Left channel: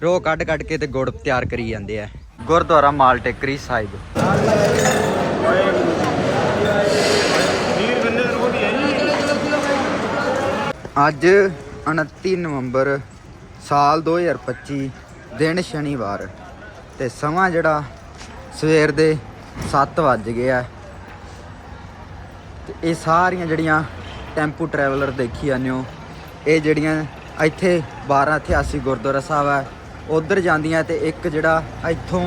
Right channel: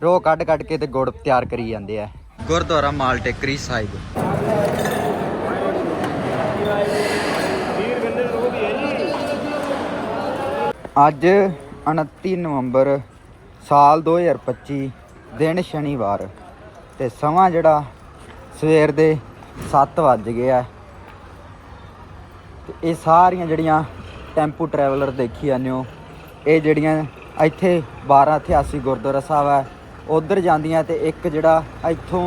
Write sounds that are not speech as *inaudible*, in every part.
ਰੋ ਕੱਢ ਕੱਢ ਕੇ ਤੇ ਗੁੜ ਤਿਆਰ ਕਰੀ ਜਾਂਦੇ ਆ। ਗੁਰਦੁਆਰਾ ਮਾਲ ਟੇਕਰੀ ਸਾਹਿਬ। ਅੱਜ 29 ਨਵੰਬਰ ਸਾਲ 2025 ਦਿਨ ਸ਼ਨੀਵਾਰ ਤੇ ਸਮਾਂ ਜਿਹੜਾ ਸਵੇਰ ਦੇ 7 ਵੱਜ ਗਿਆ ਆ। ਤੇ ਇਹ ਸਾਰੀਆਂ ਜਿਹੜੀਆਂ ਟੈਂਪੂ ਟਰੈਵਲਰ ਦੇਖੀ ਜਾਂਦੇ ਹੋ, ਇਹ ਜਿਹੜੀਆਂ ਇੱਥੇ 1288 ਗੁਰਦੁਆਰਾ ਸਾਹਿਬ ਹੈ ਉਧਰ ਜਾਂਦੀਆਂ ਤੇ ਇੱਕ ਜਿਹੜਾ ਇੱਥੋਂ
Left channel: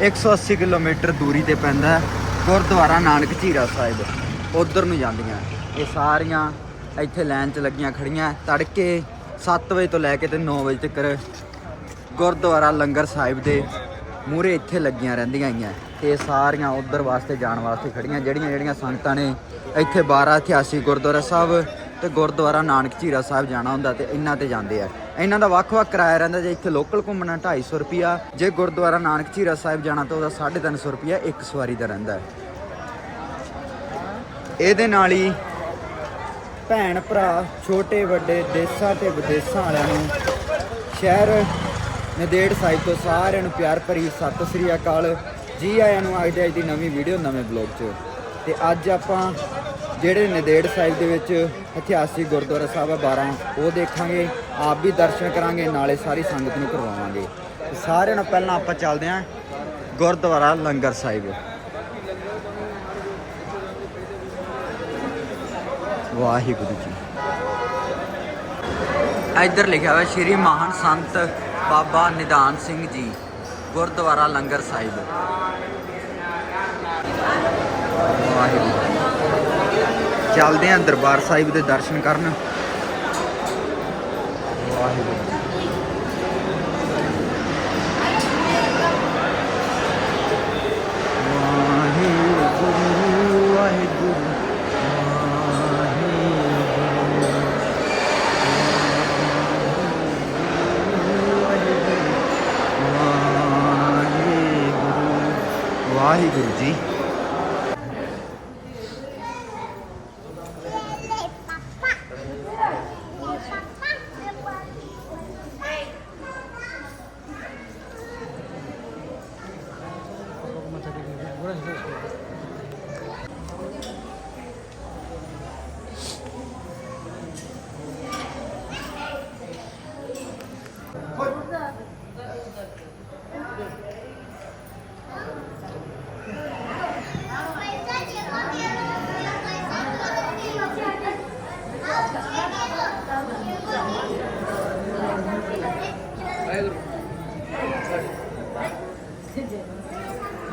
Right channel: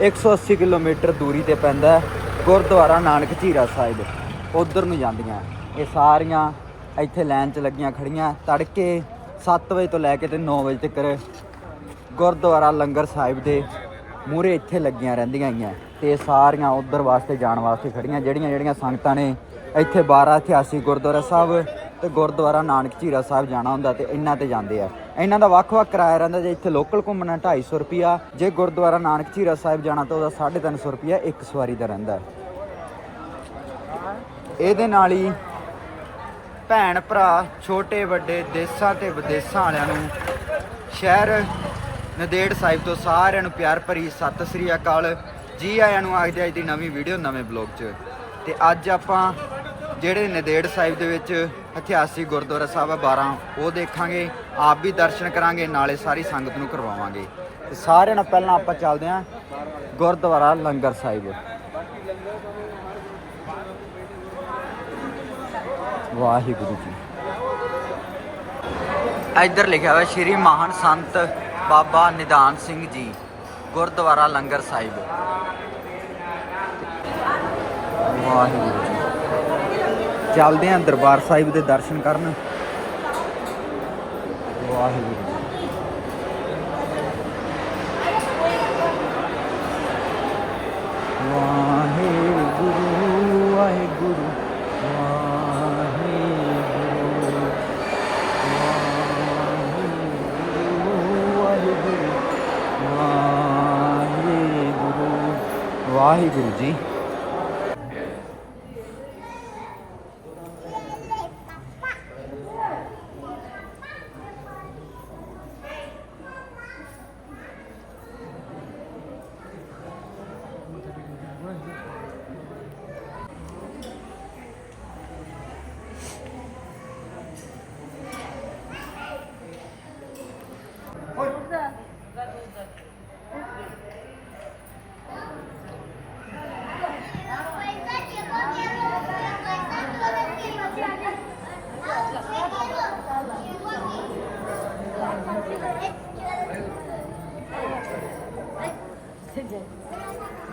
180 ਕਿਲੋਮੀਟਰ ਦੂਰੀ ਤੇ ਪੈਂਦਾ ਗੁਰਦੁਆਰਾ ਨਾਨਕ ਝੀਰਾ ਸਾਹਿਬ। ਉਧਰ ਨੂੰ ਜਾਂਦੀਆਂ। ਇਹ ਸਾਰੀਆਂ ਇੱਥੇ ਲਾਈਨ 'ਚ ਲੱਗੀਆਂ ਖੜੀਆਂ। ਤੜਕੇ 7 ਵਜੇ ਤੋਂ ਲੈ ਕੇ ਤੇ 9 ਵਜੇ ਤੱਕ ਗੁਰਦੁਆਰਾ ਲੰਗਰ ਸਾਹਿਬ ਦੇ ਮੂਹਰੇ ਇੱਥੇ ਲੱਗੀਆਂ ਰਹਿੰਦੀਆਂ ਆਈਆਂ। ਤੇ ਇਹ ਸਾਰੀਆਂ ਉਧਰ ਵਾਸਤੇ ਜਾਣ ਵਾਸਤੇ ਖੜੀਆਂ। ਜਿਹੜੀਆਂ ਜਿਹੜੀਆਂ ਸੰਗਤਾਂ ਨੇ ਇੱਥੇ 1288 ਗੁਰਦੁਆਰਾ ਸਾਹਿਬ ਤੇ ਗੁਰਦੁਆਰਾ ਨਾਨਕ ਝੀਰਾ ਸਾਹਿਬ ਜਾਣਾ ਹੁੰਦਾ ਤੇ ਇਹਨਾਂ ਤੇ ਜਾਂਦੇ ਆ। ਇਹਨਾਂ ਦਾ ਵੱਖ-ਵੱਖ ਕਿਰਾਇਆ ਰਹਿੰਦਾ ਜੇ ਇੱਥੇ ਲੋਕਲ ਘੁੰਮਣਾ 250 ਰੁਪਿਆ ਜੇ ਗੁਰਦੁਆਰਾ ਨਾਨਕ ਝੀਰਾ ਸਾਹਿਬ ਜਾਣਾ ਤਾਂ ਉਹਦਾ 350 ਰੁਪਿਆ ਇੱਕ ਸਵਾਰੀ ਦਾ ਰਹਿੰਦਾ ਇਹਦੇ ਨਾਲ ਹੀ ਭੈਣ ਭਰਾ, ਛੋਟੇ ਵੱਡੇ, ਦੇਸਾਂ ਤੇ ਵਿਦੇਸਾਂ ਵਾਲਿਆਂ ਨੂੰ ਸ਼ਹਿਰ ਨਦੇੜ ਸਾਹਿਬ ਤੋਂ ਸਾਰਿਆਂ ਨੂੰ ਪਿਆਰ ਭਰੀ ਸਤਿ ਸ੍ਰੀ ਅਕਾਲ। ਜੀ ਆਇਆਂ ਨੂੰ ਆਖਦੇ ਅੱਜ ਦੀ ਨਵੀਂ ਵੀਡੀਓ ਨਵੇਂ ਬਲੌਗ 'ਚ। ਤੇ ਅੱਜ ਆਪਾਂ ਜਿਹੜੇ ਨਦੇੜ ਸਾਹਿਬ ਦੇ ਵਿੱਚ ਇਤਿਹਾਸਿਕ ਗੁਰਦੁਆਰਾ ਸਾਹਿਬ ਆ 12 ਉਹ ਦੇਖਾਂਗੇ, ਆਪ ਵੀ ਦਰਸ਼ਨ ਕਰਾਂਗੇ, ਨਾਲੇ ਸਾਰੀ ਸੰਗਤ ਨੂੰ ਕਰਵਾਵਾਂਗੇ। ਤੇ ਸਾਰਿਆਂ ਨੂੰ ਪਹਿਲਾਂ ਆਪਾਂ ਚੱਲਦੇ ਹਾਂ ਗੁਰਦੁਆਰਾ ਲੰਗਰ ਸਾਹਿਬ। ਵਾਹਿਗੁਰੂ ਜੀ। ਇੱਧਰ ਲਿਖਿਆ ਹੋਇਆ, ਸ਼੍ਰੀ ਮਹਾਨ ਸੰਤ ਬਾਬਾ ਨਿਦਾਨ ਸਿੰਘ ਜੀ, ਗੁਰਦੁਆਰਾ ਲੰਗਰ ਸਾਹਿਬ। ਵਾਹਿਗੁਰੂ। ਚੱਲਦੇ ਆਂ ਦਰਬਾਰ ਸਾਹਿਬ ਦੇ ਦਰਸ਼ਨ ਕਰਨ ਵਾਹਿਗੁਰੂ ਜੀ। ਵਾਹਿਗੁਰੂ ਵਾਹਿਗੁਰੂ ਵਾਹਿਗੁਰੂ ਵਾਹਿਗੁਰੂ ਵਾਹਿਗੁਰੂ ਜੀ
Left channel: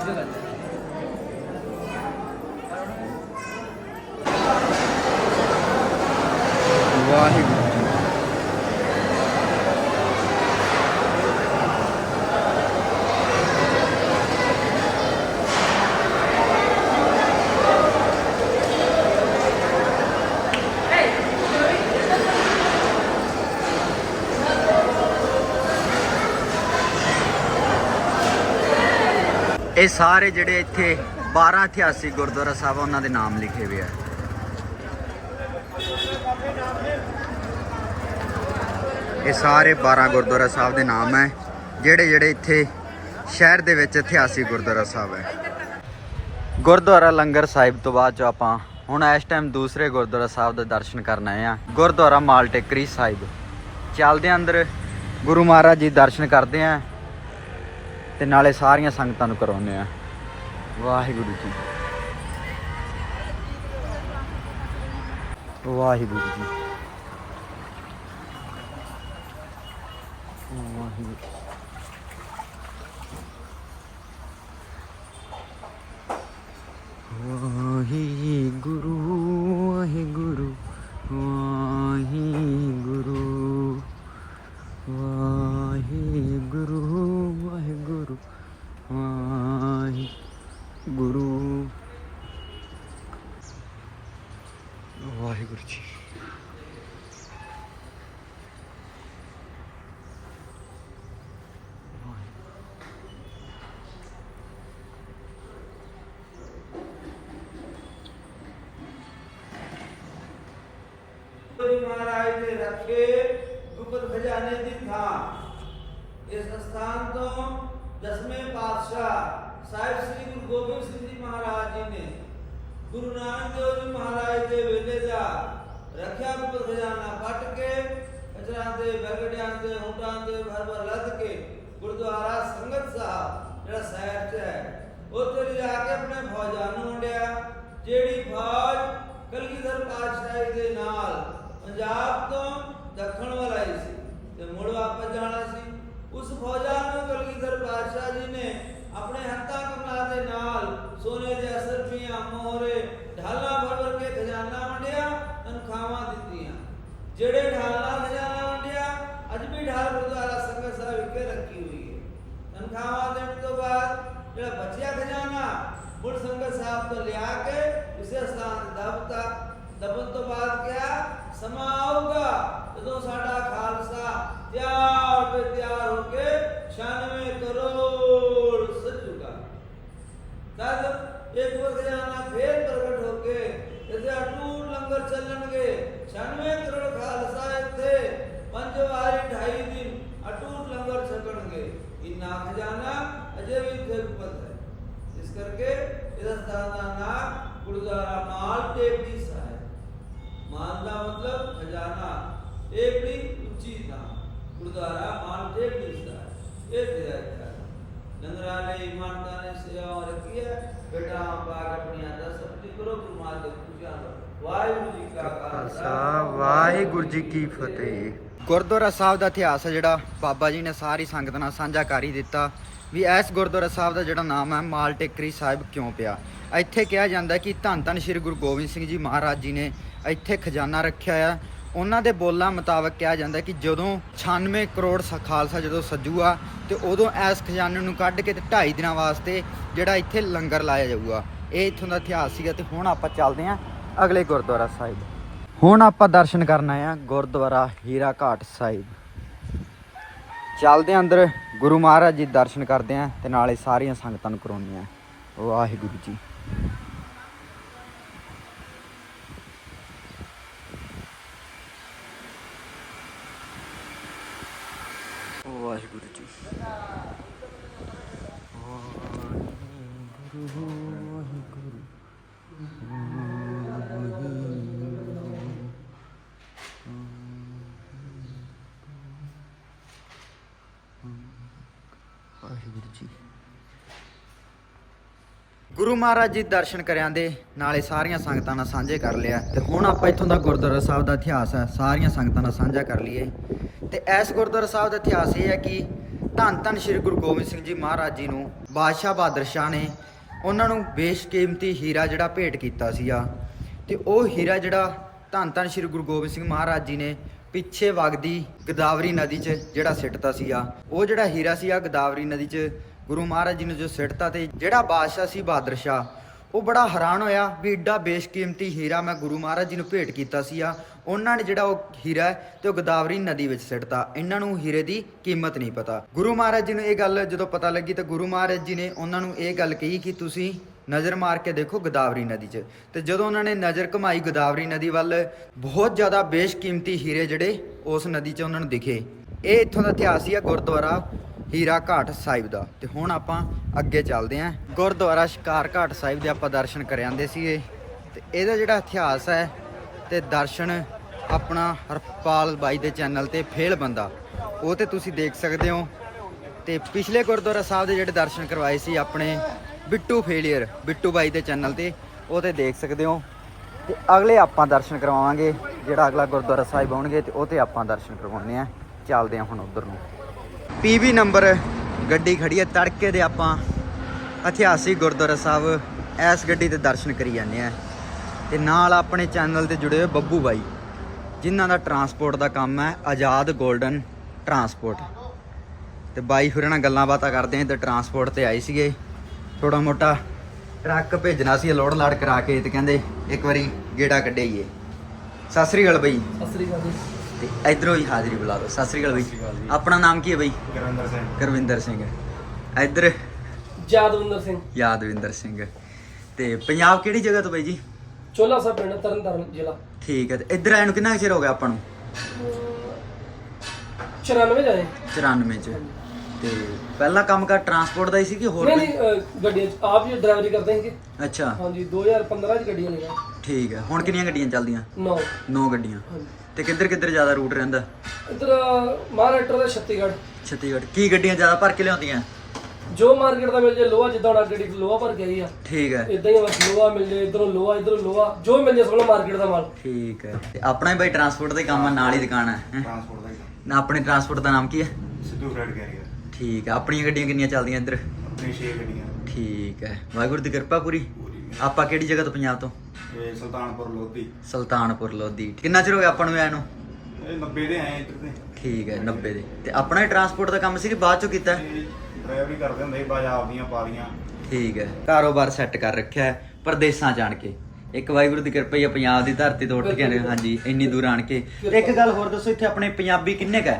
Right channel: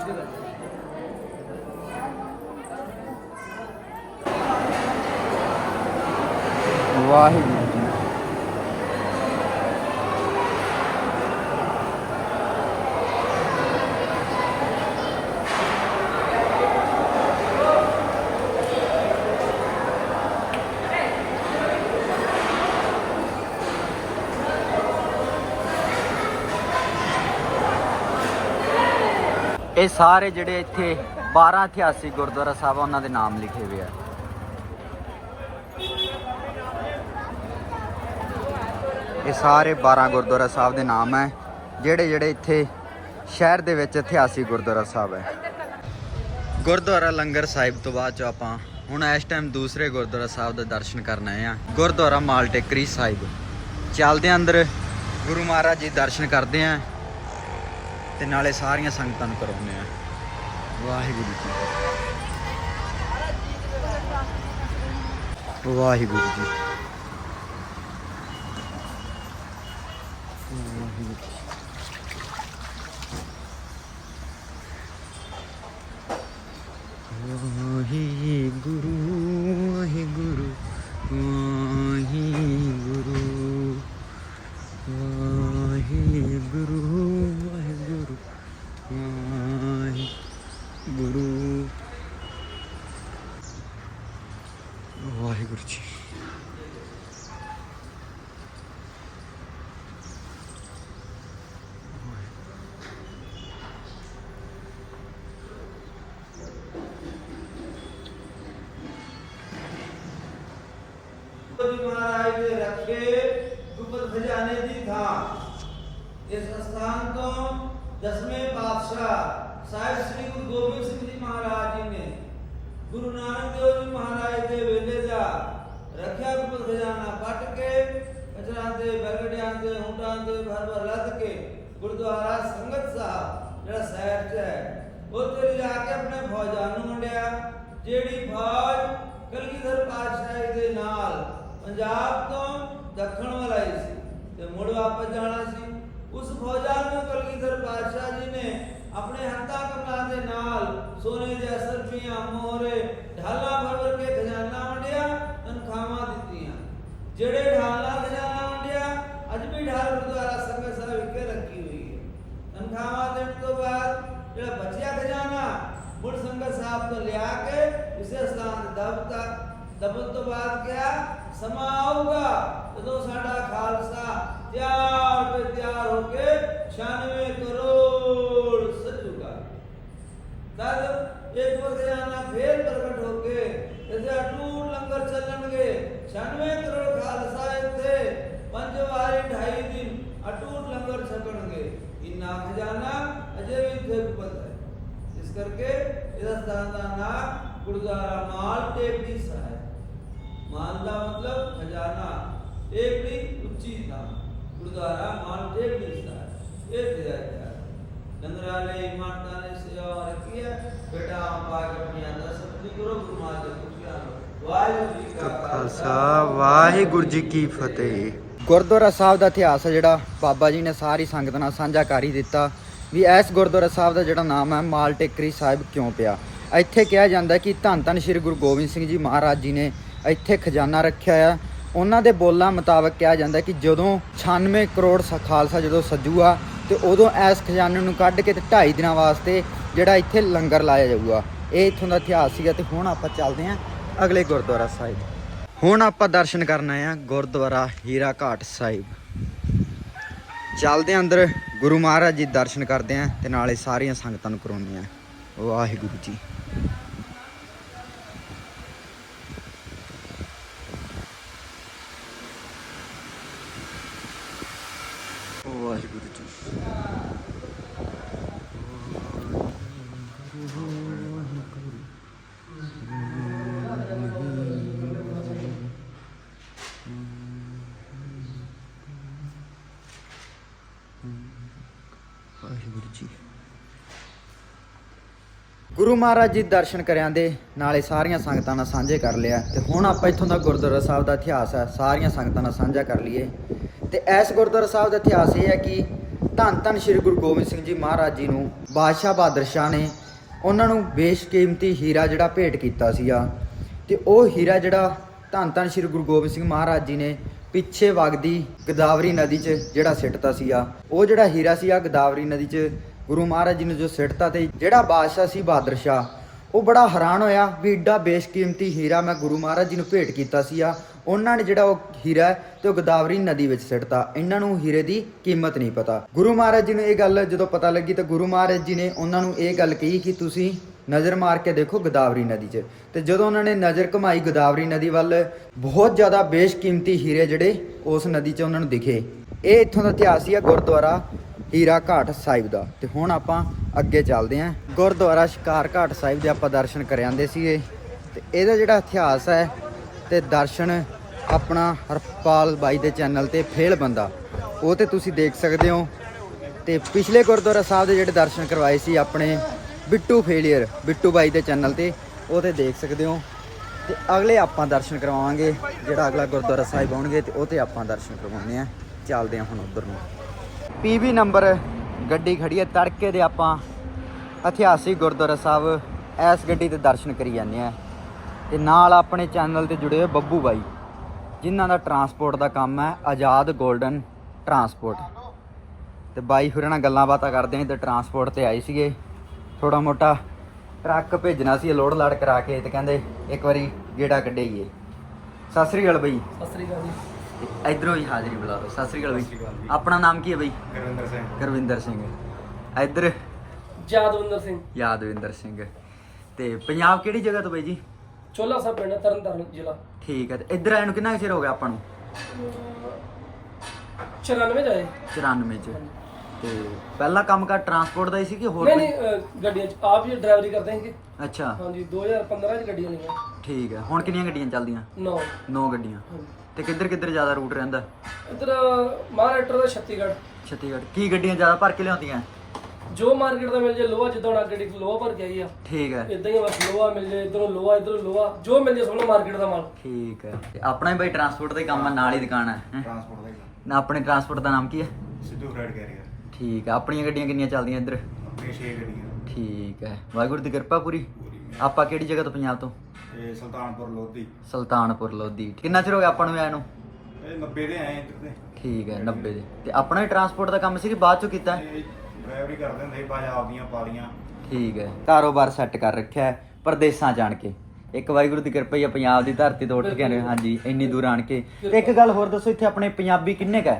这个。ਇਹ ਸਾਰੇ ਜਿਹੜੇ ਇੱਥੇ 12 ਇਤਿਹਾਸਿਕ ਗੁਰਦੁਆਰਾ ਸਾਹਿਬ ਆ, ਉਹਨਾਂ ਦੇ ਨਾਮ ਲਿਖੇ ਹੋਏ ਆ। ਇਹ ਸਾਰੇ 12 ਗੁਰਦੁਆਰਾ ਸਾਹਿਬ ਦੇ ਨਾਮ ਹੈ ਜਿਹੜੇ ਜਿਹੜੇ ਇੱਥੇ ਸ਼ਹਿਰ ਦੇ ਵਿੱਚ ਇਤਿਹਾਸਿਕ ਗੁਰਦੁਆਰਾ ਸਾਹਿਬ ਹੈ ਗੁਰਦੁਆਰਾ ਲੰਗਰ ਸਾਹਿਬ ਤੋਂ ਬਾਅਦ ਚ ਆਪਾਂ ਹੁਣ ਇਸ ਟਾਈਮ ਦੂਸਰੇ ਗੁਰਦੁਆਰਾ ਸਾਹਿਬ ਦੇ ਦਰਸ਼ਨ ਕਰਨ ਆਏ ਆ। ਗੁਰਦੁਆਰਾ ਮਾਲ ਟੇਕਰੀ ਸਾਹਿਬ। ਚੱਲਦੇ ਅੰਦਰ ਗੁਰੂ ਮਹਾਰਾਜ ਜੀ ਦਰਸ਼ਨ ਕਰਦੇ ਆ। ਤੇ ਨਾਲੇ ਸਾਰੀਆਂ ਸੰਗਤਾਂ ਨੂੰ ਕਰਾਉਂਦੇ ਆ। ਵਾਹਿਗੁਰੂ ਜੀ। ਵਾਹਿਗੁਰੂ ਜੀ। ਵਾਹਿਗੁਰੂ। ਵਾਹਿਗੁਰੂ ਵਾਹਿਗੁਰੂ ਵਾਹਿਗੁਰੂ ਵਾਹਿਗੁਰੂ। ਵਾਹਿਗੁਰੂ ਗੁਰੂ। ਵਾਹਿਗੁਰੂ ਜੀ ਜੀ ਮਹਾਰਾਜ ਦੇ ਰੱਖੇ ਗੁਪਤ ਖਜ਼ਾਨੇ ਦੀ ਥਾਂ ਇਸ ਸਥਾਨ ਤੋਂ ਦਸਵੇਂ ਪਾਤਸ਼ਾਹ ਸਾਹਿਬ ਸ੍ਰੀ ਗੁਰੂ ਗੋਬਿੰਦ ਸਿੰਘ ਜੀ ਮਹਾਰਾਜ ਜੀ ਨੇ ਗੁਰੂ ਨਾਨਕ ਦੇਵ ਜੀ ਮਹਾਰਾਜ ਦੇ ਵੇਲੇ ਦਾ ਰੱਖਿਆ ਗੁਪਤ ਖਜ਼ਾਨਾ ਕੱਟ ਕੇ ਅਜਰਾਂ ਦੇ ਬਰਗੜਿਆਂ ਦੇ ਉਂਟਾਂ ਦੇ ਭਰ ਭਰ ਲੱਦ ਕੇ ਗੁਰਦੁਆਰਾ ਸੰਗਤ ਸਾਹਿਬ ਜਿਹੜਾ ਸ਼ਹਿਰ 'ਚ ਹੈ ਉੱਥੇ ਲਿਜਾ ਕੇ ਆਪਣੇ ਫੌਜਾਂ ਨੂੰ ਵੰਡਿਆ। ਜਿਹੜੀ ਫੌਜ ਕਲਗੀਧਰ ਪਾਤਸ਼ਾਹੀ ਦੇ ਨਾਲ ਪੰਜਾਬ ਤੋਂ ਦੱਖਣ ਵੱਲ ਆਈ ਸੀ ਤੇ ਮੁੜ ਵਾਪਸ ਜਾਣਾ ਸੀ, ਉਸ ਫੌਜਾਂ ਨੂੰ ਕਲਗੀਧਰ ਪਾਤਸ਼ਾਹ ਜੀ ਨੇ ਆਪਣੇ ਹੱਥਾਂ ਕਮਲਾਂ ਦੇ ਨਾਲ ਸੋਨੇ ਦੇ ਅਸਰਫੀਆਂ ਮੋਹਰੇ, ਢਾਲਾਂ ਭਰ ਭਰ ਕੇ ਖਜ਼ਾਨਾ ਵੰਡਿਆ, ਤਨਖਾਹਾਂ ਦਿੱਤੀਆਂ। ਜਿਹੜੇ ਢਾਲਾਂ ਖਜ਼ਾਨਾ ਵੰਡਿਆ, ਅੱਜ ਵੀ ਢਾਲ ਗੁਰਦੁਆਰਾ ਸੰਗਤ ਸਾਹਿਬ ਵਿਖੇ ਰੱਖੀ ਹੋਈ ਹੈ। ਤਨਖਾਹਾਂ ਦੇਣ ਤੋਂ ਬਾਅਦ ਜਿਹੜਾ ਬਚਿਆ ਖਜ਼ਾਨਾ ਮੁੜ ਸੰਗਤ ਸਾਹਿਬ ਤੋਂ ਲਿਆ ਕੇ ਇਸੇ ਸਥਾਨ ਤੇ ਦਬਤਾ ਦਬਨ ਤੋਂ ਬਾਅਦ ਕਿਹਾ ਸਮਾਂ ਆਊਗਾ ਜਦੋਂ ਸਾਡਾ ਖਾਲਸਾ ਤਿਆਰ ਤੇ ਤਿਆਰ ਹੋ ਕੇ 96 ਕਰੋੜ ਸੱਜੂਗਾ ਤਦ ਇੱਕ ਵਾਰ ਖਜ਼ਾਨਾ ਫੇਰ ਪ੍ਰਗਟ ਹੋ ਕੇ ਇਹਦੇ ਅਟੂਟ ਲੰਗਰ ਚੱਲਣਗੇ 96 ਕਰੋੜ ਖਾਲਸਾ ਇੱਥੇ ਪੰਜ ਵਾਰੀ ਢਾਈ ਦਿਨ ਅਟੂਟ ਲੰਗਰ ਛਕਣਗੇ ਇੰਨਾ ਖਜ਼ਾਨਾ ਅਜੇ ਵੀ ਇੱਥੇ ਉਪਲਬਧ ਹੈ ਇਸ ਕਰਕੇ ਇਹਦਾ ਸਥਾਨ ਦਾ ਨਾਮ ਗੁਰਦੁਆਰਾ ਮਾਲ ਟੇਪੀ ਸਾਹਿਬ ਮਾਲ ਦਾ ਮਤਲਬ ਖਜ਼ਾਨਾ ਟੇਪੀ ਉੱਚੀ ਥਾਂ ਗੁਰਦੁਆਰਾ ਮਾਲ ਟੇਪੀ ਸਾਹਿਬ ਇਹ ਤੇਰਾ ਇਤਿਹਾਸ ਨੰਦਰਾਲੇ ਇਮਾਨਦਾਰ ਨੇ ਸੇਵਾ ਰੱਖੀ ਹੈ ਬੇਟਾ ਪਾ ਕੇ ਆਪਣੀ ਅੰਦਰ ਸਬਜ਼ੀ ਕਰੋ ਗੁਰੂ ਮਾਲ ਦੇ ਪੁੱਛਿਆ ਵਾਹਿਗੁਰੂ ਜੀ ਕਾ ਖਾਲਸਾ ਵਾਹਿਗੁਰੂ ਜੀ ਕੀ ਫਤਿਹ ਗੁਰਦੁਆਰਾ ਸਾਹਿਬ ਦਾ ਇਤਿਹਾਸ ਹੈ ਜਿਹੜਾ ਬਾਬਾ ਜੀ ਨੇ ਸਾਰੀ ਸੰਗਤ ਨਾਲ ਸਾਂਝਾ ਕਰ ਹੀ ਦਿੱਤਾ ਵੀ ਇਸ ਗੁਰਦੁਆਰਾ ਸਾਹਿਬ ਦਾ ਜਿਹੜਾ ਨਾਮ ਹੈ ਮਾਲ ਟੇਕਰੀ ਸਾਹਿਬ ਕਿਉਂ ਪਿਆ ਇੱਥੇ ਕਿਹਾ ਜਾਂਦਾ ਕਿ ਧੰਨ ਧੰਨ ਸ੍ਰੀ ਗੁਰੂ ਗੋਬਿੰਦ ਸਿੰਘ ਜੀ ਮਹਾਰਾਜ ਜੀ ਨੇ ਇੱਥੇ ਖਜ਼ਾਨਾ ਰੱਖਿਆ ਆ। ਉਹਨਾਂ ਦੇ ਬੋਲਾਂ ਮੁਤਾਬਕ ਕਿਹਾ ਜਾਂਦਾ ਕਿ ਜਦੋਂ 96 ਕਰੋੜ ਸ- ਖਾਲਸਾ ਜਦੋਂ ਸੱਜੂਆ ਤੇ ਉਦੋਂ ਇਸ ਖਜ਼ਾਨੇ ਨੂੰ ਕੱਢ ਕੇ ਤੇ 2.5 ਦਿਨਾਂ ਵਾਸਤੇ ਜਿਹੜਾ ਇੱਥੇ ਲੰਗਰ ਲਾਇਆ ਜਾਊਗਾ। ਇਹ ਇੱਥੋਂ ਦਾ ਇਤਿਹਾਸ ਸੀਗਾ ਤੇ ਹੁਣ ਆਪਾਂ ਚੱਲਦੇ ਹਾਂ ਅਗਲੇ ਗੁਰਦੁਆਰਾ ਸਾਹਿਬ। ਹੁਣ ਆਪਾਂ ਦਰਸ਼ਨ ਕਰਨ ਆਏ ਆ ਗੁਰਦੁਆਰਾ ਹੀਰਾ ਘਾਟ ਸਾਹਿਬ। ਚੱਲਦੇ ਅੰਦਰ, ਗੁਰੂ ਮਹਾਰਾਜ ਜੀ ਦਰਸ਼ਨ ਕਰਦੇ ਆਂ ਤੇ ਨਾਲੇ ਸਾਰੀਆਂ ਸੰਗਤਾਂ ਨੂੰ ਕਰਾਉਂਦੇ ਆਂ ਵਾਹਿਗੁਰੂ ਜੀ। ਵਾਹਿਗੁਰੂ ਗੁਰੂ ਮਹਾਰਾਜ ਜੀ ਦਰਸ਼ਨ ਕਰਿਆਂ ਦੇ, ਨਾਲੇ ਸਾਰੀਆਂ ਸੰਗਤਾਂ ਨਾਲ ਸਾਂਝੇ ਕਰ ਲਿਆ। ਤੇ ਹੁਣ ਆਪਾਂ ਇੱਥੋਂ ਦਾ ਗੁਰਦੁਆਰਾ ਸਾਹਿਬ ਦਾ ਇਤਿਹਾਸ ਹੈ ਸਾਰੀਆਂ ਸੰਗਤਾਂ ਨਾਲ ਸਾਂਝਾ ਕਰ ਲਈਏ। ਤੇ ਇਸ ਗੁਰਦੁਆਰਾ ਸਾਹਿਬ ਦਾ ਇਤਿਹਾਸ ਇਹ ਹੈ ਕਿ ਧੰਨ ਧੰਨ ਸ੍ਰੀ ਗੁਰੂ ਗੋਬਿੰਦ ਸਿੰਘ ਜੀ ਮਹਾਰਾਜ ਜੀ ਨੂੰ ਬਾਦਸ਼ਾਹ ਬਹਾਦਰ ਸ਼ਾਹ ਨੇ ਉਹਨਾਂ ਨੂੰ ਬੇਸ਼ਕੀਮਤੀ ਹੀਰਾ ਜਿਹੜਾ ਭੇਟ ਕੀਤਾ ਸੀਗਾ। ਤੇ ਉਹ ਹੀਰਾ ਜਿਹੜਾ ਧੰਨ ਧੰਨ ਸ੍ਰੀ ਗੁਰੂ ਗੋਬਿੰਦ ਸਿੰਘ ਮਹਾਰਾਜ ਜੀ ਨੇ ਪਿੱਛੇ ਵਗਦੀ ਗਦਾਵਰੀ ਨਦੀ 'ਚ ਜਿਹੜਾ ਸਿੱਟਤਾ ਸੀਗਾ, ਉਹ ਜਿਹੜਾ ਹੀਰਾ ਸੀਗਾ ਗਦਾਵਰੀ ਨਦੀ 'ਚ ਗੁਰੂ ਮਹਾਰਾਜ ਜੀ ਨੂੰ ਜੋ ਸਿੱਟਤਾ ਤੇ ਜਿਹੜਾ ਬਾਦਸ਼ਾਹ ਸੀ ਬਹਾਦਰ ਸ਼ਾਹ, ਉਹ ਬੜਾ ਹੈਰਾਨ ਹੋਇਆ ਵੀ ਏਡਾ ਬੇਸ਼ਕੀਮਤੀ ਹੀਰਾ ਮੈਂ ਗੁਰੂ ਮਹਾਰਾਜ ਜੀ ਨੂੰ ਭੇਟ ਕੀਤਾ ਸੀਗਾ ਉਹਨਾਂ ਨੇ ਜਿਹੜਾ ਉਹ ਹੀਰਾ ਹੈ ਤੇ ਉਹ ਗੋਦਾਵਰੀ ਨਦੀ ਵਿੱਚ ਸਿੱਟਤਾ ਇਹਨਾਂ ਨੂੰ ਹੀਰੇ ਦੀ ਕੀਮਤ ਨਹੀਂ ਪਤਾ। ਗੁਰੂ ਮਹਾਰਾਜ ਜੀ ਨੂੰ ਇਹ ਗੱਲ ਜਦੋਂ ਪਤਾ ਲੱਗੀ ਤਾਂ ਗੁਰੂ ਮਹਾਰਾਜ ਜੀ ਨੇ ਉਹਨਾਂ ਨੂੰ ਇਹ ਗੱਲ ਕਹੀ ਕਿ ਤੁਸੀਂ ਨਜ਼ਰ ਮਾਰ ਕੇ ਦੇਖੋ ਗੋਦਾਵਰੀ ਨਦੀ 'ਚ। ਤੇ ਜਦੋਂ ਉਹਨਾਂ ਨੇ ਨਜ਼ਰ ਘਮਾਈ ਗੋਦਾਵਰੀ ਨਦੀ ਵੱਲ, ਬਹੁਤ ਜ਼ਿਆਦਾ ਬੇਸ਼ਕੀਮਤੀ ਹੀਰੇ ਜਿਹੜੇ ਉਸ ਨਦੀ 'ਚ ਉਹਨਾਂ ਨੂੰ ਦਿਖੇ। ਇਹ ਇੱਥੋਂ ਦਾ ਇਤਿਹਾਸ ਹੀ ਆ ਗੁਰਦੁਆਰਾ ਹੀਰਾ ਘਾਟ ਸਾਹਿਬ ਦਾ। ਤੇ ਹੁਣ ਆਪਾਂ ਅੱਗੇ ਚੱਲਦੇ ਆਂ। ਗੁਰਦੁਆਰਾ ਸ਼ਿਕਾਰ ਘਾਟ ਸਾਹਿਬ ਦੇ ਆਪਾਂ ਦਰਸ਼ਨ ਕਰ ਆਂਦੇ ਸੀਗੇ। ਤੇ ਇਹਦਾ ਜਿਹੜਾ ਇਤਿਹਾਸ ਹੈ ਤੇ ਦਰਸ਼ਨ ਆਪਣਾ ਹਰਪਾਲ ਬਾਈ ਦੇ ਚੈਨਲ ਤੇ ਫੇਲ ਬੰਦਾ। ਉਹ ਤੇ ਤੁਸੀਂ ਦੇਖ ਸਕਦੇ ਹੋ। ਤੇ ਪਿਛਲੇ ਗੁਰਦੁਆਰਾ ਸਾਹਿਬ ਦੇ ਜਿਹੜੇ ਦਰਸ਼ਨ ਕਰਵਾਏ ਸੀ ਆਪਣੇ ਬਿੱਟੂ ਫੇਲੀਅਰ, ਬਿੱਟੂ ਬਾਈ ਦੇ ਚੈਨਲ ਤੇ, ਉਹ ਤੇ ਦੇਖ ਸਕਦੇ ਹੋ। ਤੇ ਅਗਲੇ ਆਪਾਂ ਦਰਸ਼ਨ ਕਰਵਾਵਾਂਗੇ, ਜਿਹੜਾ ਅਗਲਾ ਗੁਰਦੁਆਰਾ ਸਾਹਿਬ ਆਉਣਗੇ ਤੇ ਉਹ ਤੇ ਆਪਾਂ ਦਰਸ਼ਨ ਕਰਵਾਉਣੇ ਆ। ਚੱਲਦੇ ਆ ਹੁਣ ਉਧਰ ਨੂੰ। ਪੀਵੀ ਨੰਬਰ ਗੱਡੀ ਖੜੀ ਹੈ, ਤੜਕੇ ਦੇ ਆਪਾਂ ਇਤਿਹਾਸਿਕ ਗੁਰਦੁਆਰਾ ਸਾਹਿਬ ਇਸ ਗੱਡੀ ਤੇ ਦਰਸ਼ਨ ਕਰੀ ਜਾਂਦੇ ਆ ਤੇ ਨਾਲ ਆਪਣੇ ਚੈਨਲ ਤੇ ਜੁੜੇ ਹੋਏ ਬੱਬੂ ਬਾਈ, ਜਿਨ੍ਹਾਂ ਦਾ ਟਰਾਂਸਪੋਰਟ ਦਾ ਕੰਮ ਹੈ, ਆਜ਼ਾਦ 골ਡਨ ਟਰਾਂਸਪੋਰਟ ਤੇ ਬਾਈ ਹੋਰਾਂ ਨਾਲ ਗੱਲਾਂ ਬਾਤਾਂ ਕਰਦੇ ਆਂ ਤੇ ਟਰਾਂਸਪੋਰਟ ਤੇ ਆਏ ਸੀਗੇ। ਥੋੜਾ ਮੋਟਾ ਟਰੱਕ ਭੇਜਣਾ ਸੀ ਲੋਡ ਲਾੜ ਕਰਾ ਕੇ, ਤੇ ਕਹਿੰਦੇ ਇੱਕ ਵਾਰੀ ਗੇੜਾ ਕੱਢਈਏ ਸਤਿ ਸ੍ਰੀ ਅਕਾਲ ਬਾਈ। ਸਤਿ ਸ੍ਰੀ ਅਕਾਲ ਜੀ। ਤੇ ਇਧਰੋਂ ਹੀ ਹਾਜ਼ਰੀ ਬੁਲਾ ਦਿਓ ਸਤਿ ਸ੍ਰੀ ਅਕਾਲ ਸਤਿ ਸ੍ਰੀ ਅਕਾਲ ਬਾਈ ਜੀ। ਆਪਣਾ ਨਾਮ ਕੀ ਹੈ ਬਾਈ? ਗੁਰਵਿੰਦਰ ਸਿੰਘ। ਗੁਰਵਿੰਦਰ ਸਿੰਘ। ਇਧਰ ਜਾਦਵਿੰਦਰ ਸਿੰਘ। ਯਾਦਵਿੰਦਰ ਸਿੰਘ। ਤੇ ਪੰਜਾਬ ਕਿਹੜੀ ਜਗ੍ਹਾ ਤੋਂ ਬਾਈ ਜੀ? ਚੋਲਾ ਸਾਹਿਬ ਪਿੰਡ ਤਰਨਤਾਰਨ ਜ਼ਿਲ੍ਹਾ। ਠੀਕ ਹੈ ਤੇ ਇੱਧਰ ਆਏ ਨੂੰ ਕਿੰਨਾ ਕੁ ਚਿਰ ਹੋ ਗਿਆ ਆਪਾਂ ਨੂੰ? 94 ਜਾਏ। 94 ਚ। ਤੇ ਪਹਿਲਾਂ ਕੰਮ ਕਰ ਟਰਾਂਸਪੋਰਟ ਦਾ ਹੀ ਸੀ ਕਿ ਹੋਰ ਨਹੀਂ ਕੋਈ? ਨਹੀਂ ਗੱਡੀਆਂ 'ਚ ਆਪ ਹੀ ਡਰਾਈਵਰੀ ਕਰਦੇ ਹੈਗੇ ਅੱਛਾ। ਹਾਂਜੀ 2015 ਚ ਗੱਡੀਆਂ ਲਈਆਂ। ਠੀਕ ਹੈ। ਹੁਣ ਕਿੰਨੀਆਂ ਗੱਡੀਆਂ ਚੱਲਦੀਆਂ? ਨੌ। 9 ਗੱਡੀਆਂ। ਹਾਂਜੀ। ਤੇ ਕਿੱਧਰ ਕਿੱਧਰ ਜ਼ਿਆਦਾ ਰੂਟ ਰਹਿੰਦਾ? ਇੱਧਰ ਮਹਾਰਾਸ਼ਟਰ ਦਾ ਛੱਤੀਗੜ੍ਹ। ਛੱਤੀਗੜ੍ਹ। ਕੀ ਗੱਡੀਆਂ ਜ਼ਿਆਦਾ ਭਰ ਕੇ ਲਿਆਉਂਦੀਆਂ? ਜੋ ਮਾਰਕੀਟ ਦਾ ਮਿਲ ਜੇ ਲੋਹਾ ਜਿੱਦਾਂ ਹੁਣ ਗੱਡੀ ਲੋਹਾ ਭਰ ਕੇ ਆਈ ਆ। ਠੀਕ ਹੈ। ਇਦਾਂ ਹੀ ਬਸ ਲੋਹਾ ਮਿਲ ਜੇ ਇਧਰੋਂ ਲੋਹਾ ਇਧਰੋਂ ਲੋਹਾ। ਜੋ ਮਿਲ ਜੇ ਸਭ ਮਾਰਕੀਟ ਦਾ ਮਾਲ। ਠੀਕ ਹੈ। ਤੇ ਆਪਣਾ ਹੀ ਬਾਈ ਟਰਾਂਸਪੋਰਟ ਦਾ ਹੀ ਕੰਮ ਆ ਨਾਲ ਹੀ ਦੁਕਾਨ ਹੈ ਹੈਂ? ਟਰਾਂਸਪੋਰਟ ਦਾ ਹੀ ਕੰਮ। ਨਾ ਆਪਣੇ ਟਰਾਂਸਪੋਰਟ ਦਾ ਨਾਮ ਕੀ ਹੈ? ਸਿੱਧੂ ਫਰੈਡ ਕੈਰੀਅਰ ਠੀਕ ਹੈ। ਆਪਣੀਆਂ ਗੱਡੀਆਂ ਕਿੰਨੀਆਂ ਚੱਲਦੀਆਂ ਇੱਧਰ? ਆਪਣੀ 6 ਗੱਡੀਆਂ। ਠੀਕ ਹੈ। ਵਾਹਿਗੁਰੂ ਦੀ ਕਿਰਪਾ ਪੂਰੀ। ਆਪਾਂ ਕਿਹੜੀ ਜਗ੍ਹਾ ਤੋਂ ਪੰਜਾਬ ਤੋਂ? ਇਹ ਸੁਲਤਾਨਪੁਰ ਲੋਧੀ। ਸੁਲਤਾਨਪੁਰ ਲੋਧੀ। ਕਿੰਨਾ ਚਿਰ ਹੋ ਗਿਆ ਆਪਾਂ ਨੂੰ ਆਇਆ ਨੂੰ? ਇਹ 90 ਦੇ ਆਏ ਇੱਧਰ ਤੇ। ਠੀਕ ਹੈ 90 ਦੇ। ਤੇ ਆਪਣਾ ਹੀ ਟਰਾਂਸਪੋਰਟ ਦਾ ਕੰਮ ਸੀ ਕਿ ਬਾਅਦ ਚੋਂ ਕੀਤਾ? ਡਰਾਈਵਰੀ ਕਰਦੇ ਹੁੰਦੇ ਸੀ ਬਾਜਾਬ ਦੀਆਂ ਪਾਲੀਆਂ। ਠੀਕ ਹੈ। ਕਾਰੋਬਾਰ ਸੈੱਟ ਕਰ ਰੱਖਿਆ ਹੈ ਪਰਦੇਸਾਂ ਜਾਣ ਕੇ। ਇੱਕ ਵਾਹਿਗੁਰੂ ਦੀ ਕਿਰਪਾ ਹੀ ਆ ਪੰਜਾਬ ਦੀ ਧਰਤੀ ਤੋਂ ਉੱਠ ਕੇ ਆਏ ਹਾਂਜੀ ਇੰਨੀ ਦੂਰ ਆਣ ਕੇ। ਤੇ ਇੱਕ ਗੱਲ ਹੋਰ ਦੱਸੋ ਇੱਥੇ ਆਪਣੇ ਪੰਜਾਬੀ ਕਿੰਨੇ ਕ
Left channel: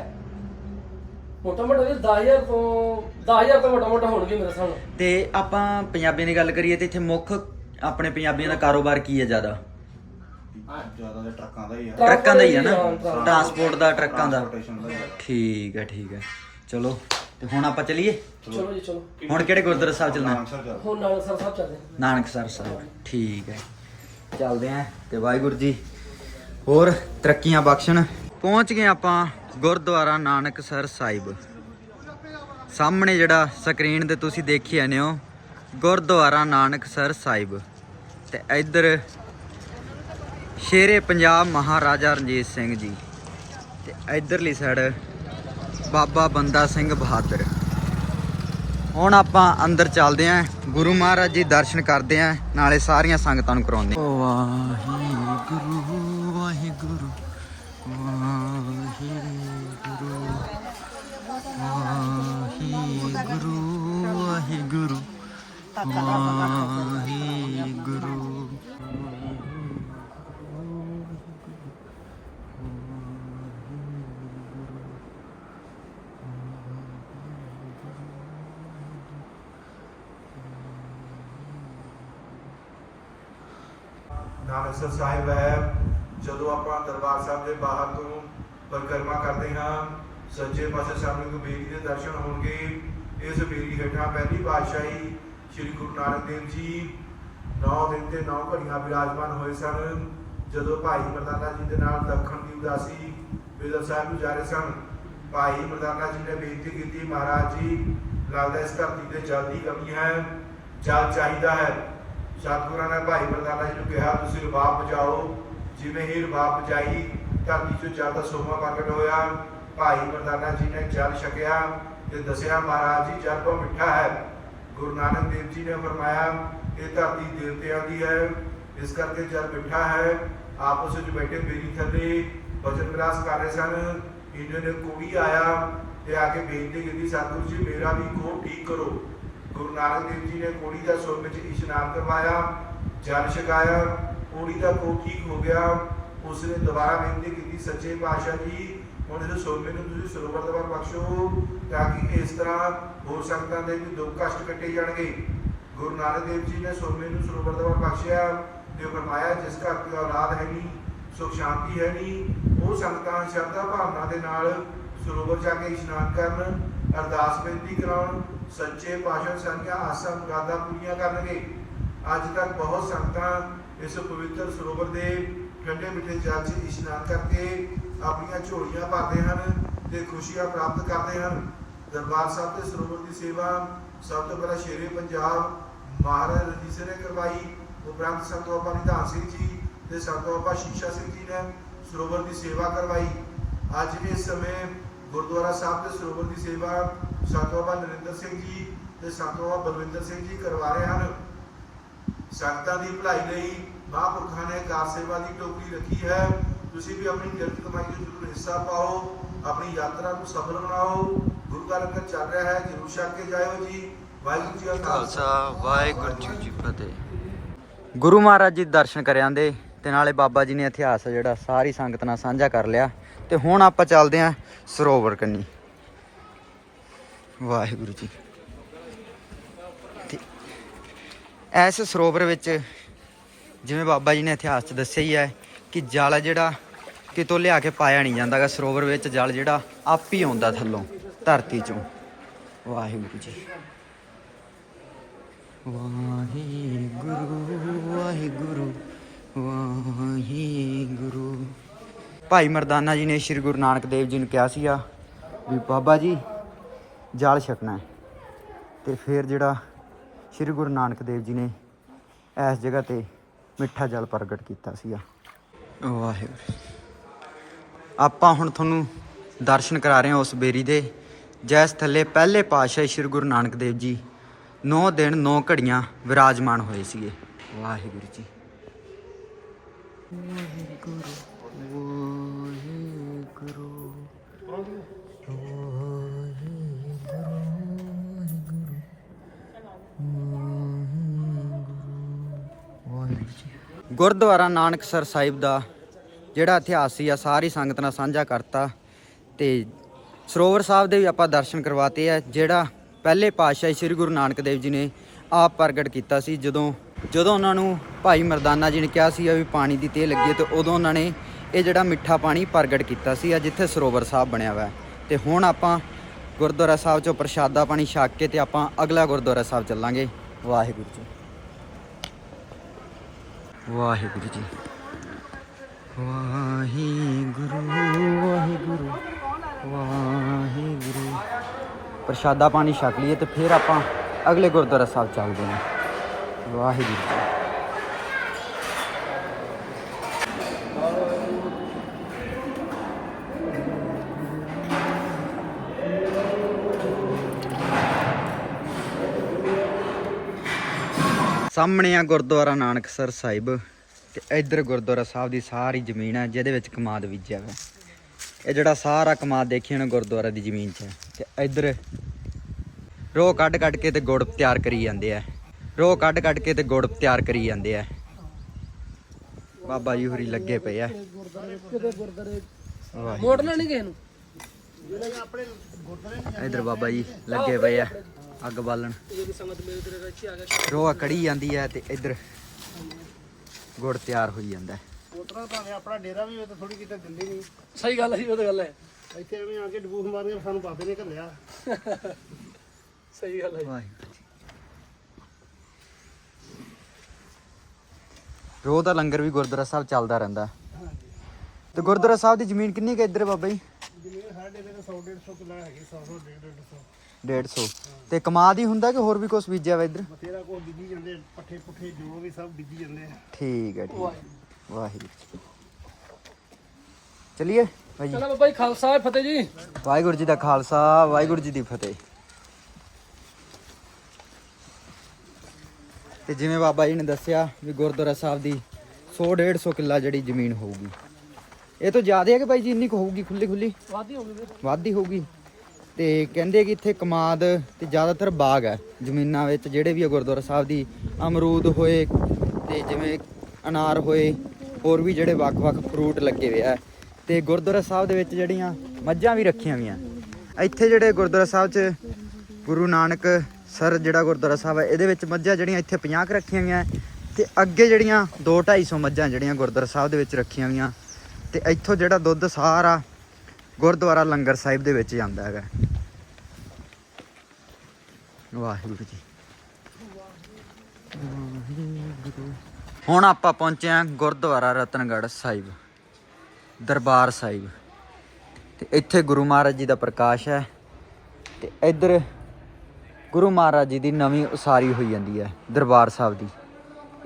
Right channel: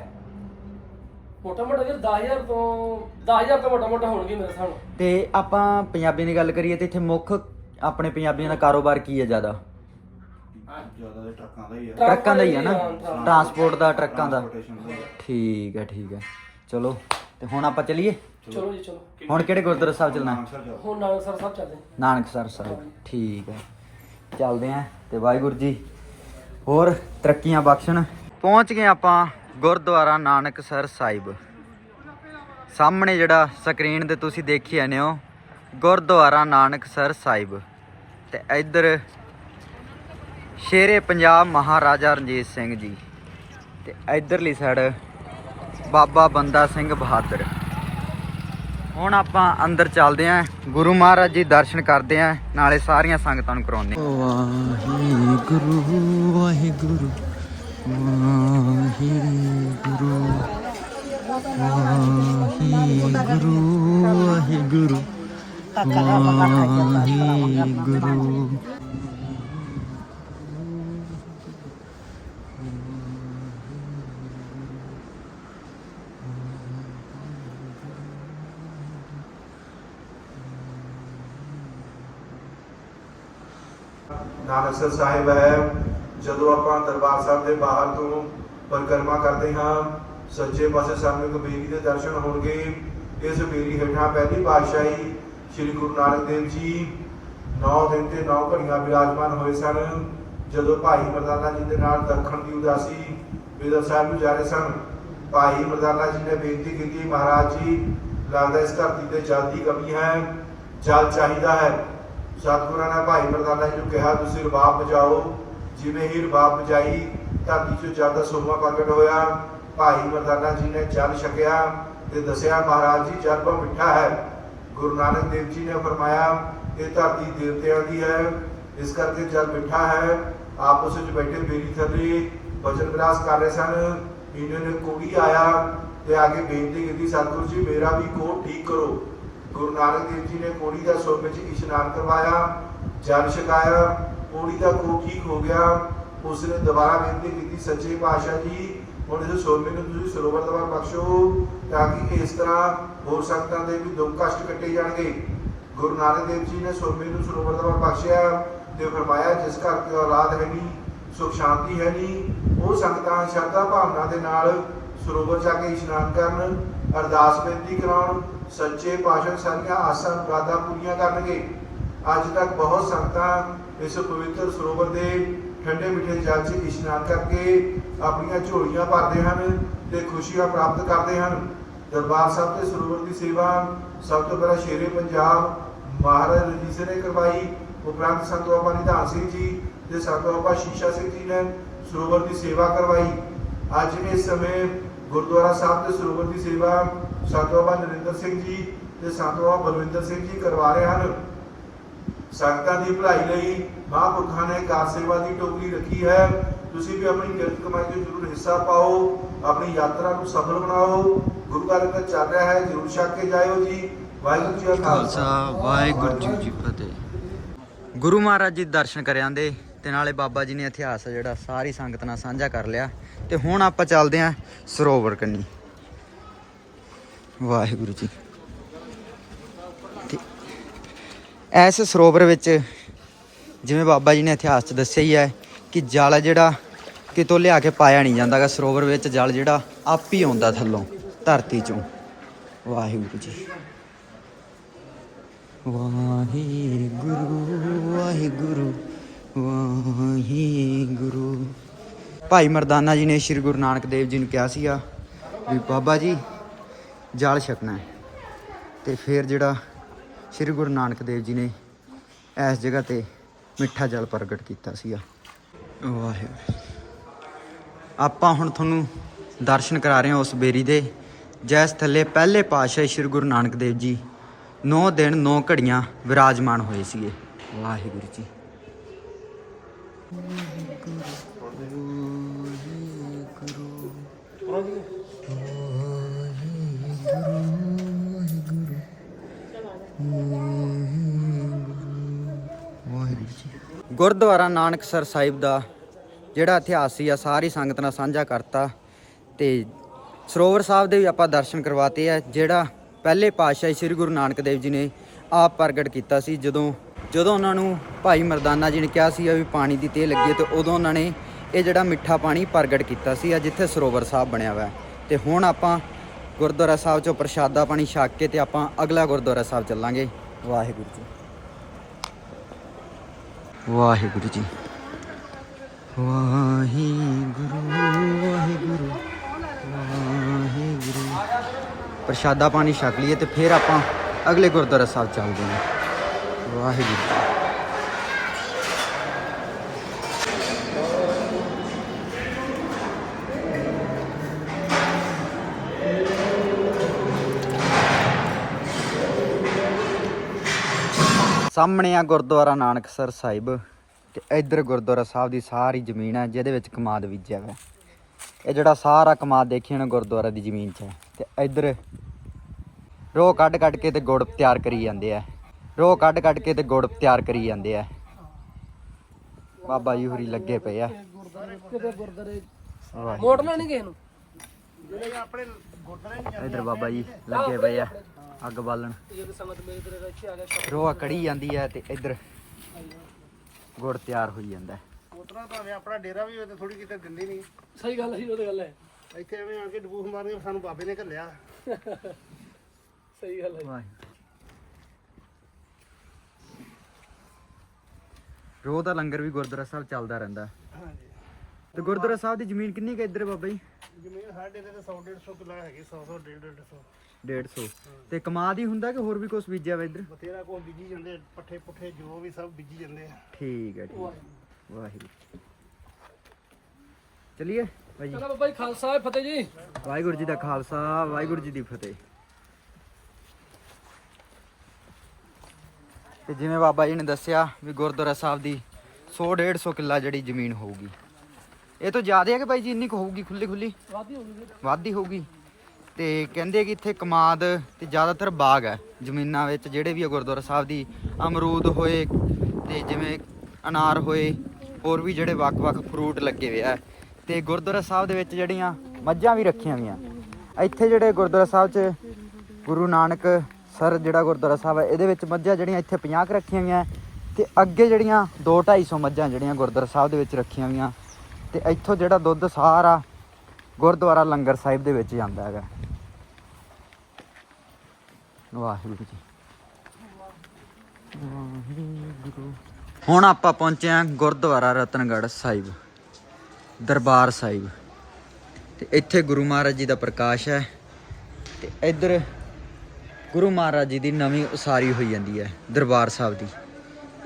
ਮੋਟਾ ਮੋਟਾ ਵੀ 10000 ਤੋਂ 10000 ਤੋਂ ਮੋਟਾ ਮੋਟਾ ਹੋਣਗੇ ਮੇਰੇ ਨਾਲ। ਤੇ ਆਪਾਂ ਪੰਜਾਬੀਆਂ ਦੀ ਗੱਲ ਕਰੀਏ ਤੇ ਇੱਥੇ ਮੁੱਖ ਆਪਣੇ ਪੰਜਾਬੀਆਂ ਦਾ ਕਾਰੋਬਾਰ ਕੀ ਹੈ ਜ਼ਿਆਦਾ? ਜ਼ਿਆਦਾ ਦੇ ਟਰੱਕਾਂ ਦਾ ਹੀ ਆ। ਟਰੱਕਾਂ ਦਾ ਹੀ ਹੈ ਨਾ? ਹਾਂ। ਟਰਾਂਸਪੋਰਟ ਦਾ ਟਰੱਕਾਂ ਦਾ। Transportation ਦਾ ਹੀ ਆ। ਠੀਕ ਹੈ ਠੀਕ ਹੈ। ਚਲੋ ਤੇ ਹੁਣ ਆਪਾਂ ਚੱਲੀਏ? ਚਲੋ ਜੀ ਚਲੋ। ਹੁਣ ਕਿਹੜੇ ਗੁਰਦੁਆਰਾ ਸਾਹਿਬ ਚੱਲਣਾ? ਨਾਨਕਸਰ ਜਾ ਹੁਣ ਨਾਨਕਸਰ ਸਾਹਿਬ ਚੱਲਦੇ ਹਾਂ। ਨਾਨਕਸਰ ਸਾਹਿਬ ਠੀਕ ਹੈ। ਚੱਲਦੇ ਆਂ ਤੇ ਵਾਹਿਗੁਰੂ ਜੀ ਹੋਰ ਤਰੱਕੀਆਂ ਬਖਸ਼ਣ। ਪਹੁੰਚ ਗਏ ਆਪਾਂ ਗੁਰਦੁਆਰਾ ਨਾਨਕਸਰ ਸਾਹਿਬ। ਸਾਹਮਣੇ ਜਿਹੜਾ ਸਕਰੀਨ ਤੇ ਤੁਸੀਂ ਦੇਖੀ ਜਾਂਦੇ ਹੋ ਗੁਰਦੁਆਰਾ ਨਾਨਕਸਰ ਸਾਹਿਬ। ਤੇ ਇੱਧਰ ਸ਼ੇਰੇ ਪੰਜਾਬ ਮਹਾਰਾਜਾ ਰਣਜੀਤ ਸਿੰਘ ਜੀ ਤੇ ਇੱਧਰਲੀ ਸਾਈਡ ਬਾਬਾ ਬੰਦਾ ਸਿੰਘ ਬਹਾਦਰ। ਹੁਣ ਆਪਾਂ ਅੰਦਰ ਚੱਲਦੇ ਆਂ, ਗੁਰੂ ਮਹਾਰਾਜ ਜੀ ਦਰਸ਼ਨ ਕਰਦੇ ਆਂ, ਨਾਲੇ ਸਾਰੀਆਂ ਸੰਗਤਾਂ ਨੂੰ ਕਰਾਉਂਦੇ ਆਂ। ਵਾਹਿਗੁਰੂ ਵਾਹਿਗੁਰੂ ਵਾਹਿਗੁਰੂ ਵਾਹਿਗੁਰੂ ਵਾਹਿਗੁਰੂ। ਵਾਹਿਗੁਰੂ ਨਾਨਕਸਰ ਸਾਹਿਬ ਹੈ। ਜਦੋਂ ਆਪਾਂ ਦਰਬਾਰ ਸਾਹਿਬ ਦੇ ਬਾਹਰ ਤੋਂ ਪਰਿਕਰਮਾ ਕਰਦੇ ਹਾਂ, ਸੱਜੇ ਪਾਸੇ ਸਾਹਮਣੇ ਕਬੀਰ ਦੇ ਦਰਸ਼ਨ ਹੋਣਗੇ। ਇਸ ਬੇਰੀ ਹੇਠਾਂ ਪਹਿਲੀ ਪਾਤਸ਼ਾਹੀ ਸ੍ਰੀ ਗੁਰੂ ਨਾਨਕ ਦੇਵ ਜੀ 9 ਦਿਨ ਤੇ 9 ਘੜੀਆਂ ਵਿਰਾਜਮਾਨ ਹੋਏ ਸਨ। ਜਦੋਂ ਭਾਈ ਮਰਦਾਨਾ ਜੀ ਦੇ ਨਾਲ ਦੱਖਣ ਦੀ ਉਦਾਸੀ ਬਿਦਰ ਸਾਹਿਬ ਨੂੰ ਜਾ ਰਹੇ ਸਨ, ਭਾਈ ਮਰਦਾਨਾ ਜੀ ਨੇ ਬੇਨਤੀ ਕੀਤੀ, ਮਹਾਰਾਜ ਜੀ, ਲੱਗਦਾ ਇਸ ਧਰਤੀ ਤੇ ਜਲ ਦੀ ਕਮੀ ਹੈ, ਜਲ ਚਾਹੀਦਾ ਹੈ। ਸਤਿਗੁਰਾਂ ਨੇ ਭਾਈ ਮਰਦਾਨਾ ਜੀ ਨੂੰ ਕਿਹਾ, ਤੁਸੀਂ ਰਬਾਬ ਬਜਾਓ ਜਿਵੇਂ ਹੀ ਰਬਾਬ ਵਜਾਈ, ਧਰਤੀ ਚੋਂ ਜਲ ਦਾ ਸੁਰਮਾ ਪ੍ਰਗਟ ਹੋਇਆ। ਭਾਈ ਮਰਦਾਨਾ ਜੀ ਨੇ ਜਲ ਛਕਿਆ ਤੇ ਦੱਸਿਆ, ਮਹਾਰਾਜ ਜੀ, ਜਲ ਬਹੁਤ ਮਿੱਠਾ ਹੈ। ਗੁਰੂ ਨਾਨਕ ਦੇਵ ਜੀ ਨੇ ਫਰਮਾਇਆ, ਇਹ ਧਰਤੀ ਦੇਵਤਿਆਂ ਦੀ ਹੈ, ਇਸ ਕਰਕੇ ਜਲ ਮਿੱਠਾ ਹੈ, ਆਪਸ ਵਿੱਚ ਬੈਠੇ ਬੇਰੀ ਥੱਲੇ ਵਜਨ ਵਿਰਾਸ ਕਰ ਰਹੇ ਸਨ। ਇਹਨਾਂ ਨੇ ਕੋੜੀ ਆਇਆ ਤੇ ਆ ਕੇ ਬੇਨਤੀ ਕੀਤੀ, ਸਤਿਗੁਰੂ ਜੀ, ਮੇਰਾ ਵੀ ਕੋੜ ਠੀਕ ਕਰੋ। ਗੁਰੂ ਨਾਨਕ ਦੇਵ ਜੀ ਨੇ ਕੋੜੀ ਦਾ ਸੁਰ ਵਿੱਚ ਇਸ਼ਨਾਨ ਕਰਵਾਇਆ, ਜਲ ਛਕਾਇਆ, ਕੋੜੀ ਦਾ ਕੋੜ ਠੀਕ ਹੋ ਗਿਆ। ਉਸ ਨੇ ਦੁਬਾਰਾ ਬੇਨਤੀ ਕੀਤੀ, ਸੱਚੇ ਪਾਤਸ਼ਾਹ ਜੀ ਹੁਣ ਇਸ ਸੋਮੇ ਨੂੰ ਤੁਸੀਂ ਸਰੋਵਰ ਦਵਾਰ ਬਖਸ਼ੋ ਤਾਂ ਕਿ ਇਸ ਤਰ੍ਹਾਂ ਹੋਰ ਸੰਗਤਾਂ ਦੇ ਵੀ ਦੁੱਖ ਕਸ਼ਟ ਕੱਟੇ ਜਾਣਗੇ। ਗੁਰੂ ਨਾਨਕ ਦੇਵ ਜੀ ਨੇ ਸੋਮੇ ਨੂੰ ਸਰੋਵਰ ਦਵਾਰ ਬਖਸ਼ਿਆ ਤੇ ਫਰਮਾਇਆ, ਜਿਸ ਘਰ ਕੋਈ ਔਲਾਦ ਹੈ ਨਹੀਂ, ਸੁਖ ਸ਼ਾਂਤੀ ਹੈ ਨਹੀਂ, ਉਹ ਸੰਗਤਾਂ ਸ਼ਰਧਾ ਭਾਵਨਾ ਦੇ ਨਾਲ ਸਰੋਵਰ ਜਾ ਕੇ ਇਸ਼ਨਾਨ ਕਰਨ, ਅਰਦਾਸ ਬੇਨਤੀ ਕਰਾਉਣ, ਸੱਚੇ ਪਾਤਸ਼ਾਹ ਸਾਰੀਆਂ ਆਸਾਂ ਮੁਰਾਦਾਂ ਪੂਰੀਆਂ ਕਰਨਗੇ। ਅੱਜ ਤੱਕ ਬਹੁਤ ਸੰਗਤਾਂ ਇਸ ਪਵਿੱਤਰ ਸਰੋਵਰ ਦੇ ਠੰਡੇ ਮਿੱਠੇ ਜਲ 'ਚ ਇਸ਼ਨਾਨ ਕਰਕੇ ਆਪਣੀਆਂ ਝੋਲੀਆਂ ਭਰਦੇ ਹਨ ਤੇ ਖੁਸ਼ੀਆਂ ਪ੍ਰਾਪਤ ਕਰਦੇ ਹਨ। ਦਰਬਾਰ ਸਾਹਿਬ ਦੇ ਸਰੋਵਰ ਦੀ ਸੇਵਾ ਸਭ ਤੋਂ ਪਹਿਲਾਂ ਸ਼ੇਰੇ ਪੰਜਾਬ ਮਹਾਰਾਜ ਰਣਜੀਤ ਸਿੰਘ ਨੇ ਕਰਵਾਈ। ਉਪਰੰਤ ਸੰਤ ਬਾਬਾ ਨਿਧਾਨ ਸਿੰਘ ਜੀ ਤੇ ਸੰਤ ਬਾਬਾ ਸ਼ੀਸ਼ਾ ਸਿੰਘ ਜੀ ਨੇ ਸਰੋਵਰ ਦੀ ਸੇਵਾ ਕਰਵਾਈ। ਅੱਜ ਇਸ ਸਮੇਂ ਗੁਰਦੁਆਰਾ ਸਾਹਿਬ ਦੇ ਸਰੋਵਰ ਦੀ ਸੇਵਾ ਸੰਤ ਬਾਬਾ ਨਰਿੰਦਰ ਸਿੰਘ ਜੀ ਤੇ ਸੰਤ ਬਾਬਾ ਬਲਵਿੰਦਰ ਸਿੰਘ ਜੀ ਕਰਵਾ ਰਹੇ ਹਨ। ਸੰਗਤਾਂ ਦੀ ਭਲਾਈ ਲਈ ਮਹਾਂਪੁਰਖਾਂ ਨੇ ਕਾਰ ਸੇਵਾ ਦੀ ਟੋਕਰੀ ਰੱਖੀ ਹੈ। ਤੁਸੀਂ ਵੀ ਆਪਣੀ ਕਿਰਤ ਕਮਾਈ ਤੋਂ ਜ਼ਰੂਰ ਹਿੱਸਾ ਪਾਓ। ਆਪਣੀ ਯਾਤਰਾ ਨੂੰ ਸਫਲ ਬਣਾਓ। ਗੁਰੂ ਦਾ ਚੱਲ ਰਿਹਾ ਹੈ। ਜ਼ਰੂਰ ਛਕ ਕੇ ਜਾਇਓ ਜੀ। ਵਾਹਿਗੁਰੂ ਜੀ ਕਾ ਖਾਲਸਾ। ਵਾਹਿਗੁਰੂ ਜੀ ਕੀ ਫਤਿਹ। ਗੁਰੂ ਮਹਾਰਾਜ ਜੀ ਦਰਸ਼ਨ ਕਰ ਆਂਦੇ। ਤੇ ਨਾਲੇ ਬਾਬਾ ਜੀ ਨੇ ਇਤਿਹਾਸ ਜਿਹੜਾ ਸਾਰੀ ਸੰਗਤ ਨਾਲ ਸਾਂਝਾ ਕਰ ਲਿਆ। ਤੇ ਹੁਣ ਆਪਾਂ ਚੱਲਦੇ ਆਂ ਸਰੋਵਰ ਕੰਨੀ। ਵਾਹਿਗੁਰੂ ਜੀ। ਇਸ ਸਰੋਵਰ ਵਿੱਚ ਜਿਵੇਂ ਬਾਬਾ ਜੀ ਨੇ ਇਤਿਹਾਸ 'ਚ ਦੱਸਿਆ ਹੀ ਹੈ ਕਿ ਜਲ ਜਿਹੜਾ ਕਿਤੋਂ ਲਿਆ ਕੇ ਪਾਇਆ ਨਹੀਂ ਜਾਂਦਾਗਾ, ਸਰੋਵਰ ਵਿੱਚ ਜਲ ਜਿਹੜਾ ਆਪ ਹੀ ਆਉਂਦਾ ਥੱਲੋਂ, ਧਰਤੀ ਚੋਂ। ਵਾਹਿਗੁਰੂ ਜੀ। ਵਾਹਿਗੁਰੂ ਵਾਹਿਗੁਰੂ ਵਾਹਿਗੁਰੂ। ਭਾਈ ਮਰਦਾਨਾ ਜੀ ਨੇ ਸ੍ਰੀ ਗੁਰੂ ਨਾਨਕ ਦੇਵ ਜੀ ਨੂੰ ਕਿਹਾ ਸੀਗਾ ਵੀ ਬਾਬਾ ਜੀ, ਜਲ ਛਕਣਾ ਹੈ। ਤੇ ਫਿਰ ਜਿਹੜਾ ਸ੍ਰੀ ਗੁਰੂ ਨਾਨਕ ਦੇਵ ਜੀ ਨੇ ਇਸ ਜਗ੍ਹਾ ਤੇ ਮਿੱਠਾ ਜਲ ਪ੍ਰਗਟ ਕੀਤਾ ਸੀਗਾ। ਵਾਹਿਗੁਰੂ ਆਪਾਂ ਹੁਣ ਤੁਹਾਨੂੰ ਦਰਸ਼ਨ ਕਰਾ ਰਹੇ ਹਾਂ ਉਸ ਬੇਰੀ ਦੇ। ਜੈਸ ਥੱਲੇ ਪਹਿਲੇ ਪਾਤਸ਼ਾਹ ਸ੍ਰੀ ਗੁਰੂ ਨਾਨਕ ਦੇਵ ਜੀ 9 ਦਿਨ 9 ਘੜੀਆਂ ਵਿਰਾਜਮਾਨ ਹੋਏ ਸੀਗੇ। ਵਾਹਿਗੁਰੂ ਜੀ। ਵਾਹਿਗੁਰੂ। ਜੀ ਗੁਰਦੁਆਰਾ ਨਾਨਕਸਰ ਸਾਹਿਬ ਦਾ ਜਿਹੜਾ ਇਤਿਹਾਸ ਸੀ, ਆ ਸਾਰੀ ਸੰਗਤ ਨਾਲ ਸਾਂਝਾ ਕਰਤਾ। ਤੇ ਸਰੋਵਰ ਸਾਹਿਬ ਦੇ ਵੀ ਆਪਾਂ ਦਰਸ਼ਨ ਕਰਵਾਤੇ ਆ, ਜਿਹੜਾ ਪਹਿਲੇ ਪਾਤਸ਼ਾਹ ਸ੍ਰੀ ਗੁਰੂ ਨਾਨਕ ਦੇਵ ਜੀ ਨੇ ਆਪ ਪ੍ਰਗਟ ਕੀਤਾ ਸੀ। ਜਦੋਂ ਜਦੋਂ ਉਹਨਾਂ ਨੂੰ ਭਾਈ ਮਰਦਾਨਾ ਜੀ ਨੇ ਕਿਹਾ ਸੀ ਵੀ ਪਾਣੀ ਦੀ ਤੇਲ ਲੱਗੇ ਹੈ, ਤੇ ਉਦੋਂ ਉਹਨਾਂ ਨੇ ਇਹ ਜਿਹੜਾ ਮਿੱਠਾ ਪਾਣੀ ਪ੍ਰਗਟ ਕੀਤਾ ਸੀ, ਆ ਜਿੱਥੇ ਸਰੋਵਰ ਸਾਹਿਬ ਬਣਿਆ ਹੋਇਆ ਹੈ। ਤੇ ਹੁਣ ਆਪਾਂ ਗੁਰਦੁਆਰਾ ਸਾਹਿਬ ਚੋਂ ਪ੍ਰਸ਼ਾਦਾ ਪਾਣੀ ਛਕ ਕੇ ਤੇ ਆਪਾਂ ਅਗਲਾ ਗੁਰਦੁਆਰਾ ਸਾਹਿਬ ਚੱਲਾਂਗੇ। ਵਾਹਿਗੁਰੂ ਜੀ। ਵਾਹਿਗੁਰੂ ਜੀ। ਵਾਹਿਗੁਰੂ ਵਾਹਿਗੁਰੂ ਵਾਹਿਗੁਰੂ। ਪ੍ਰਸ਼ਾਦਾ ਪਾਣੀ ਛਕ ਲਈਏ ਤੇ ਫਿਰ ਆਪਾਂ ਅਗਲੇ ਗੁਰਦੁਆਰਾ ਸਾਹਿਬ ਚੱਲਦੇ ਹਾਂ। ਵਾਹਿਗੁਰੂ ਸਾਹਮਣੇ ਆ ਗੁਰਦੁਆਰਾ ਨਾਨਕਸਰ ਸਾਹਿਬ ਤੇ ਇੱਧਰ ਗੁਰਦੁਆਰਾ ਸਾਹਿਬ ਦੀ ਸਾਰੀ ਜ਼ਮੀਨ ਹੈ ਜਿਹਦੇ ਵਿੱਚ ਕਮਾਦ ਬੀਜਿਆ ਹੋਇਆ ਇਹ ਜਿਹੜਾ ਸਾਰਾ ਕਮਾਦ ਦੇਖੀ ਨਾ ਗੁਰਦੁਆਰਾ ਦੀ ਜ਼ਮੀਨ 'ਚ। ਤੇ ਇੱਧਰ ਰੋਹ ਕੱਢ ਕੱਢ ਕੇ ਤੇ ਗੁੜ ਤਿਆਰ ਕਰੀ ਜਾਂਦੇ ਆ। ਰੋਹ ਕੱਢ ਕੱਢ ਕੇ ਤੇ ਗੁੜ ਤਿਆਰ ਕਰੀ ਜਾਂਦੇ ਆ। ਬਾਬਾ ਜੀ ਹੋਰੀ ਲੱਗੇ ਪਏ ਆ। ਵਾਹਿਗੁਰੂ ਮੋੜਨਾ ਨਹੀਂ ਕਿਸੇ ਨੂੰ? ਇੱਧਰ ਬਾਬਾ ਜੀ ਲੱਗੇ ਪਏ ਆ। ਅੱਗ ਬਾਲਣ। ਰੋਹ ਕੜੀ ਜਾਂਦੀ ਹੈ ਤੇ ਇੱਧਰ ਗੁੜ ਤਿਆਰ ਹੋਈ ਜਾਂਦਾ ਹੈ। ਉਤਰਾ ਭਾਵੇਂ ਆਪਣਾ ਡੇਰਾ ਵੀ ਹੋਵੇ ਤੇ ਥੋੜੀ ਕਿਤੇ ਦਿੰਦੀ ਨਹੀਂ। ਸਹੀ ਗੱਲ ਸੀ ਉਹ ਤਾਂ ਗੱਲ ਹੈ। ਇੱਥੇ ਐਵੇਂ ਆਣ ਕੇ ਡਬੂਖ ਮਾਰਨੀਆਂ ਸਾਨੂੰ ਬਾਬੇ ਨੇ ਘੱਲਿਆ। ਸਹੀ ਗੱਲ ਹੈ ਵਾਹਿਗੁਰੂ ਜੀ। ਦਾ ਲੰਗਰ ਵੀ ਗੁਰਦੁਆਰਾ ਸਾਹਿਬ ਚੱਲਦਾ ਰਹਿੰਦਾ। ਤੇ ਗੁਰਦੁਆਰਾ ਸਾਹਿਬ ਦੀ ਜ਼ਮੀਨ ਕਿੰਨੀ ਕੁ ਇੱਧਰ ਬਾਬਾ ਜੀ? ਸਾਡੇ ਦੇ 100 150 ਕਿੱਲਾ ਹੈਗੇ 100 100 150 150 ਤੇ ਕਮਾਦ ਹੀ ਹੁੰਦਾ ਕਿ ਹੋਰ ਵੀ ਕੁਝ ਬੀਜਿਆ ਵਾ ਇੱਧਰ? ਬਥੇਰਾ ਕੋ ਬੀਜੀ ਜਾਂਦੇ ਪੱਠੇ ਪੁੱਠੇ ਜੋ ਵੀ ਸਭ ਬੀਜੀ ਜਾਂਦੇ ਆ। ਠੀਕ ਹੈ ਠੀਕ। ਵਾਹਿਗੁਰੂ। ਜੀ। ਚਲਿਏ ਭਾਈ। ਚਲੋ ਬਾਬਾ ਜੀ ਖਾਲਸਾ ਫਤਿਹ ਜੀ। ਵਾਹਿਗੁਰੂ ਜੀ ਦਾ ਖਾਲਸਾ ਵਾਹਿਗੁਰੂ ਜੀ ਦੀ ਫਤਿਹ। ਤੇ ਜਿਵੇਂ ਬਾਬਾ ਜੀ ਨੇ ਦੱਸਿਆ ਵੀ ਗੁਰਦੁਆਰਾ ਸਾਹਿਬ ਦੀ 100 150 ਕਿੱਲਾ ਜਿਹੜੀ ਜ਼ਮੀਨ ਹੋਊਗੀ। ਇਹ ਤੋਂ ਜ਼ਿਆਦਾ ਹੈ ਕਿ ਭਾਈ ਜੀ ਇੰਨੀ ਕੁ ਹੋਊਗੀ ਖੁੱਲੀ ਖੁੱਲੀ? ਵਾਦੀ ਹੋ ਗਈ ਵਾਧੀ ਹੋਊਗੀ। ਤੇ ਕਹਿੰਦੇ ਕਿ ਇੱਥੇ ਕਮਾਦ ਤੇ ਜ਼ਿਆਦਾਤਰ ਬਾਗ ਹੈ ਜ਼ਮੀਨਾਂ ਵਿੱਚ ਜਿਹੜੇ ਵੀ ਗੁਰਦੁਆਰਾ ਸਾਹਿਬ ਦੀ ਅਮਰੂਦ ਹੋਏ ਤੇ ਜਿਵੇਂ ਅਨਾਰ ਹੋਏ ਹੋਰ ਵੀ ਜਿਹੜੇ ਵੱਖ-ਵੱਖ ਫਰੂਟ ਲੱਗੇ ਹੋਏ ਆ। ਤੇ ਗੁਰਦੁਆਰਾ ਸਾਹਿਬ ਦੇ ਵਿੱਚ ਜਿਹੜੀਆਂ ਮੱਝਾਂ ਵੀ ਰੱਖੀਆਂ ਹੋਈਆਂ। ਇੱਥੇ ਜਿਹੜੇ ਗੁਰਦੁਆਰਾ ਸਾਹਿਬ 'ਚ ਗੁਰੂ ਨਾਨਕ ਸਰ ਜਿਹੜਾ ਗੁਰਦੁਆਰਾ ਸਾਹਿਬ ਹੈ ਇਹਦੇ ਵਿੱਚ ਮੱਝਾਂ ਜਿਹੜੀਆਂ ਇੱਥੇ 50 ਕੁ ਰੱਖੀਆਂ ਹੋਈਆਂ। ਤੇ ਅੱਗੇ ਜਿਹੜੀਆਂ 2 250 ਮੱਝਾਂ ਜਿਹੜੀਆਂ ਗੁਰਦੁਆਰਾ ਸਾਹਿਬ ਦੇ ਵਿੱਚ ਰੱਖੀਆਂ ਹੋਈਆਂ। ਤੇ ਇੱਥੋਂ ਜਿਹੜਾ ਦੁੱਧ ਸਾਰਾ ਗੁਰਦੁਆਰਾ ਲੰਗਰ ਸਾਹਿਬ ਦੇ ਵਿੱਚ ਜਾਂਦਾ ਹੈਗਾ। ਵਾਹਿਗੁਰੂ ਜੀ। ਵਾਹਿਗੁਰੂ। ਹੁਣ ਆਪਾਂ ਪਹੁੰਚੇ ਹਾਂ ਗੁਰਦੁਆਰਾ ਰਤਨਗੜ੍ਹ ਸਾਹਿਬ, ਦਰਬਾਰ ਸਾਹਿਬ। ਤੇ ਇੱਥੇ ਗੁਰੂ ਮਹਾਰਾਜ ਜੀ ਦਾ ਪ੍ਰਕਾਸ਼ ਹੈ ਤੇ ਇੱਧਰ ਗੁਰੂ ਮਹਾਰਾਜ ਜੀ ਦੀ ਨਵੀਂ ਉਸਾਰੀ ਹੋਈ ਜਾਂਦੀ ਹੈ ਦਰਬਾਰ ਸਾਹਿਬ ਦੀ।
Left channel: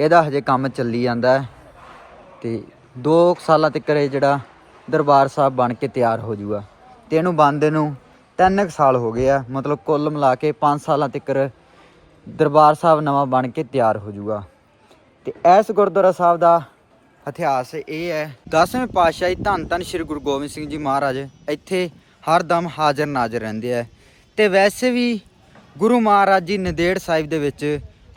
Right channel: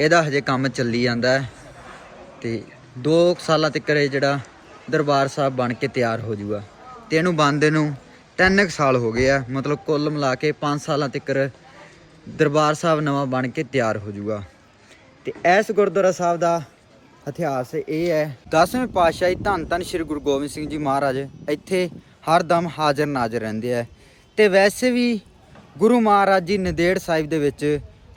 ਇਹਦਾ ਹਜੇ ਕੰਮ ਚੱਲੀ ਜਾਂਦਾ ਹੈ ਤੇ 2 ਸਾਲਾਂ ਤੱਕ ਇਹ ਜਿਹੜਾ ਦਰਬਾਰ ਸਾਹਿਬ ਬਣ ਕੇ ਤਿਆਰ ਹੋ ਜਾਊਗਾ ਤੇ ਇਹਨੂੰ ਬਣਦੇ ਨੂੰ 3 ਸਾਲ ਹੋ ਗਏ ਆ। ਮਤਲਬ ਕੁੱਲ ਮਿਲਾ ਕੇ 5 ਸਾਲਾਂ ਤੱਕ ਦਰਬਾਰ ਸਾਹਿਬ ਨਵਾਂ ਬਣ ਕੇ ਤਿਆਰ ਹੋ ਜਾਊਗਾ ਤੇ ਇਸ ਗੁਰਦੁਆਰਾ ਸਾਹਿਬ ਦਾ ਇਤਿਹਾਸ ਇਹ ਹੈ 10ਵੇਂ ਪਾਤਸ਼ਾਹੀ ਧੰਨ ਧੰਨ ਸ੍ਰੀ ਗੁਰੂ ਗੋਬਿੰਦ ਸਿੰਘ ਜੀ ਮਹਾਰਾਜ ਇੱਥੇ ਹਰਦਮ ਹਾਜ਼ਰ ਨਾਜ਼ਰ ਰਹਿੰਦੇ ਆ। ਤੇ ਵੈਸੇ ਵੀ ਗੁਰੂ ਮਹਾਰਾਜ ਜੀ ਨੰਦੇੜ ਸਾਹਿਬ ਦੇ ਵਿੱਚ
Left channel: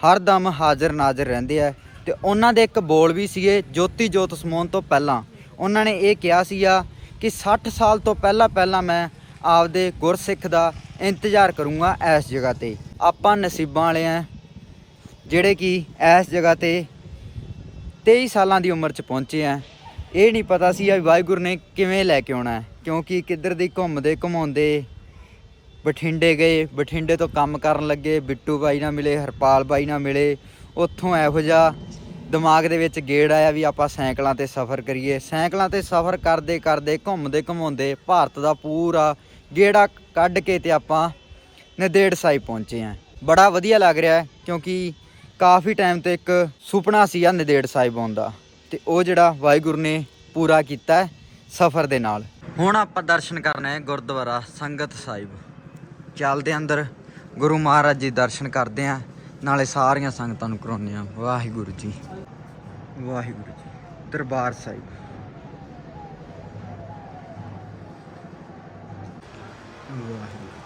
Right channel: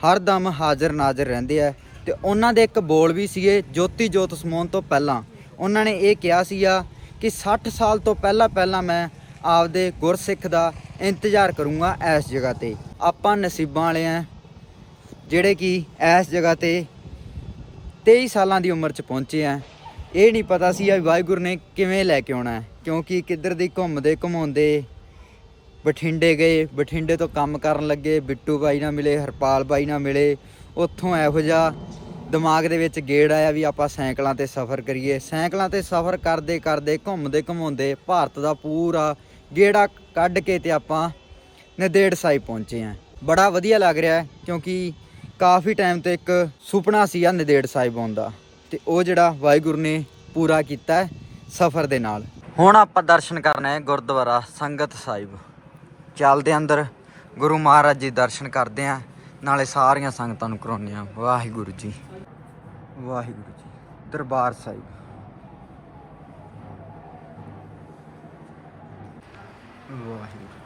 ਹਰਦਮ ਹਾਜ਼ਰ ਨਾਜ਼ਰ ਰਹਿੰਦੇ ਆ। ਤੇ ਉਹਨਾਂ ਦੇ ਇੱਕ ਬੋਲ ਵੀ ਸੀਗੇ ਜੋਤੀ ਜੋਤ ਸਮਾਉਣ ਤੋਂ ਪਹਿਲਾਂ। ਉਹਨਾਂ ਨੇ ਇਹ ਕਿਹਾ ਸੀਗਾ ਕਿ 60 ਸਾਲ ਤੋਂ ਪਹਿਲਾਂ ਪਹਿਲਾਂ ਮੈਂ ਆਪਦੇ ਗੁਰਸਿੱਖ ਦਾ ਇੰਤਜ਼ਾਰ ਕਰੂੰਗਾ ਇਸ ਜਗ੍ਹਾ ਤੇ। ਆਪਾਂ ਨਸੀਬਾਂ ਵਾਲੇ ਆ ਜਿਹੜੇ ਕਿ ਇਸ ਜਗ੍ਹਾ ਤੇ 23 ਸਾਲਾਂ ਦੀ ਉਮਰ 'ਚ ਪਹੁੰਚੇ ਆ। ਇਹ ਨਹੀਂ ਪਤਾ ਸੀ ਆ ਵਾਹਿਗੁਰੂ ਨੇ ਕਿਵੇਂ ਲੈ ਕੇ ਆਉਣਾ ਕਿਉਂਕਿ ਕਿੱਧਰ ਦੀ ਘੁੰਮਦੇ ਘੁਮਾਉਂਦੇ ਬਠਿੰਡੇ ਗਏ, ਬਠਿੰਡੇ ਤੋਂ ਕੰਮ ਕਰਨ ਲੱਗੇ, ਬਿੱਟੂ ਬਾਈ ਨਾਲ ਮਿਲੇ, ਹਰਪਾਲ ਬਾਈ ਨਾਲ ਮਿਲੇ ਉੱਥੋਂ ਇਹੋ ਜਿਹਾ ਦਿਮਾਗ ਦੇ ਵਿੱਚ ਗੇੜ ਆਇਆ ਵੀ ਆਪਾਂ ਸਾਈਕਲਾਂ ਤੇ ਸਫ਼ਰ ਕਰੀਏ। ਸਾਈਕਲਾਂ ਤੇ ਸਫ਼ਰ ਕਰਦੇ ਕਰਦੇ, ਘੁੰਮਦੇ ਘੁਮਾਉਂਦੇ ਭਾਰਤ ਦਾ ਪੂਰਾ ਗੇੜਾ ਕੱਢ ਕੇ ਤੇ ਆਪਾਂ ਨਦੇੜ ਸਾਹਿਬ ਪਹੁੰਚੇ ਆਂ ਬੜਾ ਵਧੀਆ ਲੱਗ ਰਿਹਾ ਕਿਉਂਕਿ ਕਾਫੀ ਟਾਈਮ ਤੋਂ ਇੱਕ ਸੁਪਨਾ ਸੀ ਆ ਨੰਦੇੜ ਸਾਹਿਬ ਆਉਣ ਦਾ ਤੇ ਉਹ ਜਿਹੜਾ ਵਾਹਿਗੁਰੂ ਨੇ ਪੂਰਾ ਕੀਤਾ ਸਫ਼ਰ ਦੇ ਨਾਲ। ਹੁਣ ਆਪਾਂ ਦਰਸ਼ਨ ਕਰਨਾ ਹੈ ਗੁਰਦੁਆਰਾ ਸੰਗਤ ਸਾਹਿਬ। ਚੱਲਦੇ ਅੰਦਰ, ਗੁਰੂ ਮਹਾਰਾਜ ਜੀ ਦਰਸ਼ਨ ਕਰਦੇ ਆਂ ਨਾਲੇ ਸਾਰੀਆਂ ਸੰਗਤਾਂ ਨੂੰ ਕਰਾਉਂਦੇ ਆਂ ਵਾਹਿਗੁਰੂ ਜੀ। ਵਾਹਿਗੁਰੂ ਜੀ। ਦਰਬਾਰ ਸਾਹਿਬ। ਵਾਹਿਗੁਰੂ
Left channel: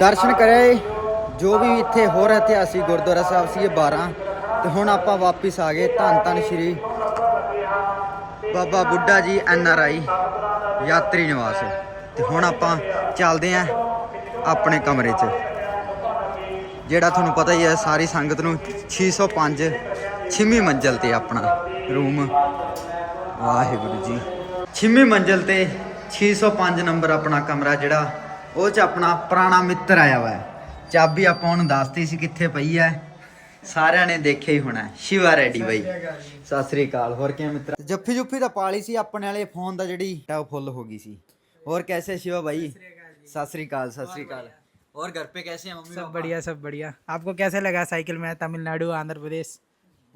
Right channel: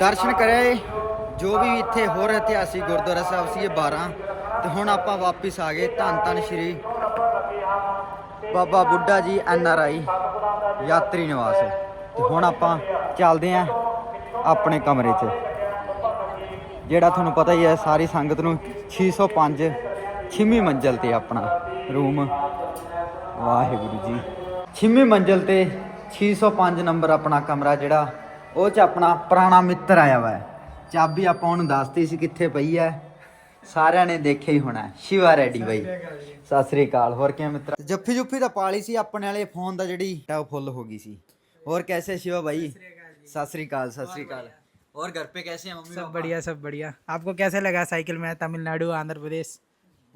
ਦਰਸ਼ਨ ਕਰਿਆ ਜੋ ਵੀ ਇੱਥੇ ਹੋਰ ਇਤਿਹਾਸਿਕ ਗੁਰਦੁਆਰਾ ਸਾਹਿਬ ਸੀ ਇਹ 12 ਤੇ ਹੁਣ ਆਪਾਂ ਵਾਪਿਸ ਆ ਗਏ ਧੰਨ ਧੰਨ ਸ਼੍ਰੀ ਬਾਬਾ ਬੁੱਢਾ ਜੀ ਐਨ ਆਰ ਆਈ ਯਾਤਰੀ ਨਿਵਾਸ। ਤੇ ਹੁਣ ਆਪਾਂ ਚੱਲਦੇ ਆਂ ਆਪਣੇ ਕਮਰੇ 'ਚ। ਜਿਹੜਾ ਤੁਹਾਨੂੰ ਪਤਾ ਹੀ ਹੈ, ਸਾਰੀ ਸੰਗਤ ਨੂੰ 605 ਛੇਵੀਂ ਮੰਜ਼ਲ ਤੇ ਆਪਣਾ ਰੂਮ। ਵਾਹਿਗੁਰੂ ਜੀ। ਛੇਵੀਂ ਮੰਜ਼ਲ ਤੇ 605 ਨੰਬਰ ਆਪਣਾ ਕਮਰਾ ਜਿਹੜਾ ਉਹ ਚ ਆਪਣਾ ਪੁਰਾਣਾ ਮਿੱਤਰ ਆਇਆ ਵਾ ਹੈ। ਚਾਬੀ ਆਪਾਂ ਉਹਨੂੰ ਦੱਸਤੀ ਸੀ ਕਿੱਥੇ ਪਈ ਹੈ ਸਾਰਿਆਂ ਨੇ ਦੇਖਿਆ ਹੀ ਹੋਣਾ ਹੈ। ਸ਼ਿਵਾ ਰੈਡੀ ਬਾਈ ਸਤਿ ਸ੍ਰੀ ਅਕਾਲ ਹੋਰ ਕਿਵੇਂ ਮਿੱਤਰ ਜੱਫੀ ਜੁੱਫੀ ਤਾਂ ਪਾਲੀ ਸੀ ਆਪਣੇ ਵਾਲੇ ਫੋਨ ਦਾ ਜਿਹੜੀ ਟਾਪ ਫੁੱਲ ਹੋ ਗਈ ਸੀ ਹੋਰ ਕੈਸੇ शिवा भाई सत श्री अकाल सत श्री अकाल और घर पे कैसे हैं मम्मी सब पापा? बढ़िया सब बढ़िया आपको कैसे लगा साइकिल में तमिलनाडु आंध्र प्रदेश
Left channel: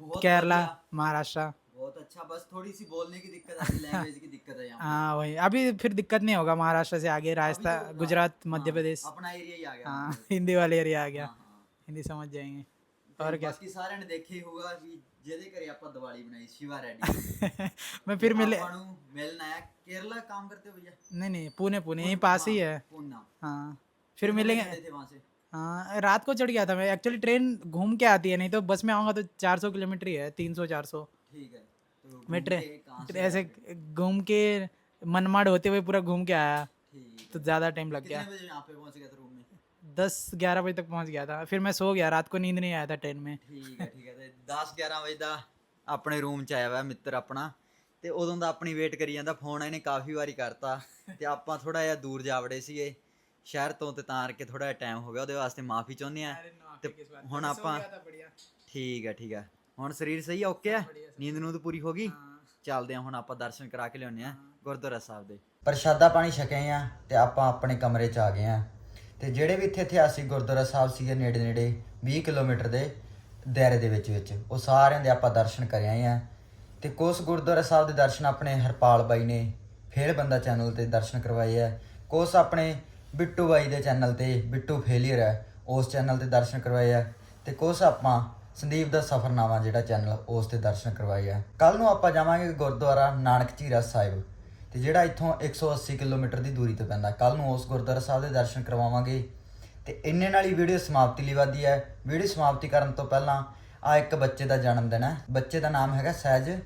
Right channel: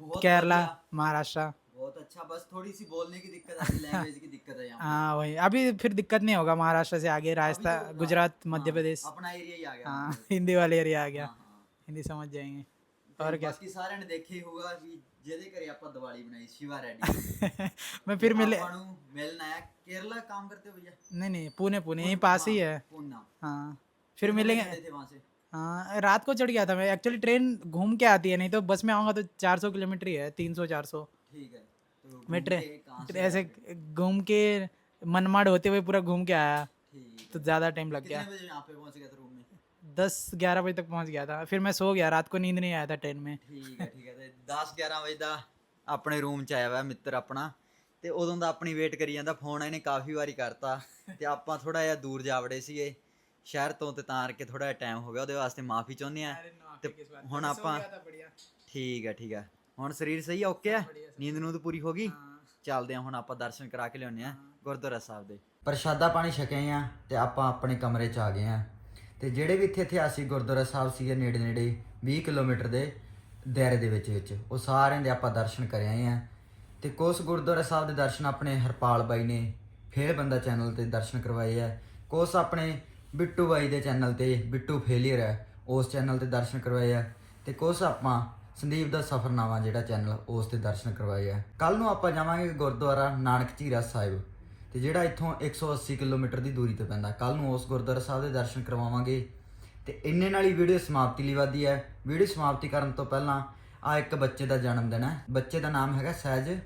बहुत केरला बढ़िया, महाराष्ट्र बहुत अच्छा बस थोड़ी सी बोलने की दिक्कत आती लैंग्वेज की *laughs* दिक्कत है यहाँ हाँ वही अभी फिर दिक्कत नहीं होगा महाराष्ट्र से आगे राजस्थान गुजरात मध्य प्रदेश अपना एरिया ही आ गया हाँ हिंदी वाले एरिया आ गया हाँ, हाँ। हिंदी समझ जाएंगे ਤੇ और क्या ਬਾਕੀ ਸਾਰਿਆਂ ਨੇ ਦੇਖਿਆ ਹੀ ਹੋਊਗਾ ਵੀ ਜਿਹਦੇ ਘਰੇ ਆਪਾਂ ਦੀਵਾਲੀ ਬਣਾਈ ਸ਼ਿਵਾ ਰੈਡੀ मैं फिर मिले ਆਪਾਂ ਨੂੰ ਮਿਲਣ ਆਇਆ केरला काम करते हो भैया नहीं नहीं पुणे पुणे यहीं पास ही है पूना हाँ फिर मिलेंगे थे वहां से हाँ रात को चढ़ गया था मैं एक्चुअली ट्रेन घूम के आती है नहीं तो बस में आऊँगा तो 400 किलोमीटर ही है 300 400 ठीक है तो मैं घूम के कहाँ ट्रेन से ऐसे घूम के मनमाड़ होते हुए पूरा घूम के आया ठीक तो ज़्यादा टाइम लग गया कितने बजे यहाँ पे पहुंच गया था रूम में दस ग्यारह बजे तक पहुंच गया था फिर मैं सो गया रात को नींद नहीं आया था ट्रेन में ਠੀਕ ਹੈ ਠੀਕ ਹੈ ਤੇ 10 11 ਵਜੇ ਦਾ ਆਪਣੇ ਰੂਮ ਚ ਆਇਆ ਵਾ ਮਿੱਤਰ ਆਪਣਾ ਤੇ ਉਦੋਂ ਦਾ ਆਪਣੀ ਵੇਟ ਕਰੀ ਜਾਂਦਾ ਫੋਨ ਇਹਨੇ ਕਾਫੀ ਵਾਰੀ ਕਰਤਾ ਤੇ ਆਪਾਂ ਥੋੜਾ ਜਿਹਾ ਦੂਰ ਜਾ ਵੜੇ ਸੀਗੇ ਸ਼ਹਿਰ ਤੋਂ ਤੇ ਤਾਂ ਕਰਕੇ ਥੋੜਾ ਜਿਹਾ ਟਾਈਮ ਹੋ ਗਿਆ ਉਹਦੇ ਵਾਸਤੇ ਮਾਫੀ ਚਾਹੁੰਦੇ ਆ ਤੇ ਹੁਣ ਆਪਾਂ ਠੀਕ ਹੈ ਠੀਕ ਹੈ ਹੁਣ ਸਰੀਰ ਸਹੀ ਓਕੇ ਆ? ਨੀਂਦ ਨੂੰ ਤਾਂ ਪੂਰੀ ਹੋ ਗਈ? ਚੱਲਦੇ ਆ ਹੁਣ ਆਪਾਂ ਦਰਸ਼ਨ ਕਰਾ ਕੇ ਲਿਆਉਂਦੇ ਆ ਗੁਰਦੁਆਰਾ ਸਾਹਿਬ ਦੇ। ਪ੍ਰਸ਼ਾਦਾ ਪਾਣੀ ਛਕੇ ਆ ਤੇ ਆਪਾਂ ਆਪਣੇ ਕਮਰੇ ਚ ਆ ਗਏ ਆ। ਤੇ ਜਿਹੜੇ ਵੀ ਇੱਥੇ ਇਤਿਹਾਸਿਕ ਗੁਰਦੁਆਰਾ ਸਾਹਿਬ ਸੀਗੇ ਨੇੜੇ ਨੇੜੇ 20 ਕਿਲੋਮੀਟਰ ਦੇ ਦਾਇਰੇ ਦੇ ਵਿੱਚ ਵਿੱਚ ਉਹ ਸਾਰਿਆਂ ਦੇ ਆਪਾਂ ਦਰਸ਼ਨ ਕਰ ਆਏ ਆ। ਤੇ ਕੁਛ ਗੁਰਦੁਆਰਾ ਸਾਹਿਬ ਦੇ ਦਰਸ਼ਨ ਆਪਣੇ ਹਰਪਾਲ ਬਾਈ ਨੇ ਫੇਰ ਬੰਦਾ ਚੈਨਲ ਤੇ ਦਰਸ਼ਨ ਕਰਵਾਏ ਆ। ਕੁਛ ਆਪਣੇ ਬਿੱਟੂ ਬਾਈ ਦੇ ਚੈਨਲ ਤੇ ਬਿੱਟੂ ਫੇਲੀਅਰ ਹੈ ਉਸ ਚੈਨਲ ਤੇ ਦਰਸ਼ਨ ਕਰਵਾਏ ਆ। ਤੇ ਕੁਛ ਆਪਾਂ ਸੰਦੀਪ ਦਾ ਸਫਰਨਾਮਾ ਜਿਹੜਾ ਚੈਨਲ ਉਸ ਤੇ ਦਰਸ਼ਨ ਕਰਵਾਏ ਆ। ਕੱਲ ਨੂੰ ਆਪਾਂ ਜਾਵਾਂਗੇ ਗੁਰਦੁਆਰਾ ਨਾਨਕ ਝੀਰਾ ਸਾਹਿਬ ਤੇ ਜਿਹੜਾ ਇੱਥੋਂ 180 ਕਿਲੋਮੀਟਰ ਦੀ ਦੂਰੀ ਤੇ ਪੈਂਦਾ। ਕੱਲ ਨੂੰ ਉਸ ਗੁਰਦੁਆਰਾ ਸਾਹਿਬ ਦੇ ਦਰਸ਼ਨ ਕਰਵਾਵਾਂਗੇ ਤੇ ਇੰਨੇ ਨਾਲ ਹੀ ਵੀਡੀਓ ਸਮਾਪਤੀ ਲਈ ਵਾਦੀ ਹੈ ਵੀਡੀਓ ਸਮਾਪਤੀ ਕਰਨ ਤੋਂ ਪਹਿਲਾਂ ਆ ਇੱਕ ਬੱਚੇ ਦਾ ਜਨਮ ਦਿਨ ਹੈ ਬੱਚੇ ਦਾ ਨਾਮ ਹੈਗਾ ਸਹਿਜ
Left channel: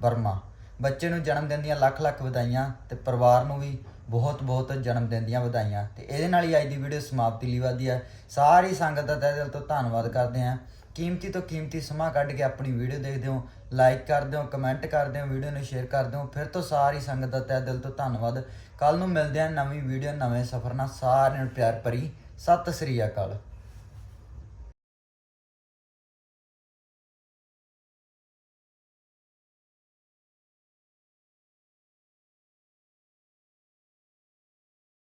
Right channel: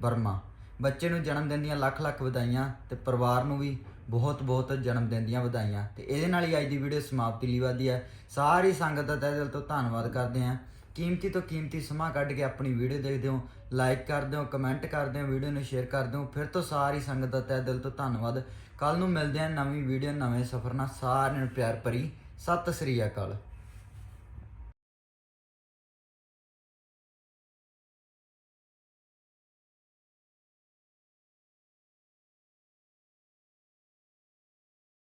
ਵਰਮਾ। ਬੱਚੇ ਨੂੰ ਜਨਮ ਦਿਨ ਦੀਆਂ ਲੱਖ ਲੱਖ ਵਧਾਈਆਂ ਤੇ ਪਰਿਵਾਰ ਨੂੰ ਵੀ ਬਹੁਤ ਬਹੁਤ ਜਨਮ ਦਿਨ ਦੀਆਂ ਵਧਾਈਆਂ। ਤੇ ਇਹਦੇ ਨਾਲ ਹੀ ਅੱਜ ਦੀ ਵੀਡੀਓ ਸਮਾਪਤੀ ਲਈ ਵਾਦੀ ਹੈ ਸਾਰੀ ਸੰਗਤ ਦਾ ਤਹਿ ਦਿਲ ਤੋਂ ਧੰਨਵਾਦ ਕਰਦੇ ਹਾਂ। ਕੀਮਤੀ ਤੋਂ ਕੀਮਤੀ ਸਮਾਂ ਕੱਢ ਕੇ ਆਪਣੀ ਵੀਡੀਓ ਦੇਖਦੇ ਹੋ ਲਾਈਕ ਕਰਦੇ ਹੋ ਕਮੈਂਟ ਕਰਦੇ ਹੋ, ਵੀਡੀਓ ਨੂੰ ਸ਼ੇਅਰ ਕਰਦੇ ਹੋ, ਫਿਰ ਤੋਂ ਸਾਰੀ ਸੰਗਤ ਦਾ ਤਹਿ ਦਿਲ ਤੋਂ ਧੰਨਵਾਦ। ਕੱਲ ਨੂੰ ਮਿਲਦੇ ਹਾਂ ਨਵੀਂ ਵੀਡੀਓ, ਨਵੇਂ ਸਫ਼ਰ ਨਾਲ, ਸਾਰਿਆਂ ਨੂੰ ਪਿਆਰ ਭਰੀ। ਸਤਿ ਸ੍ਰੀ ਅਕਾਲ।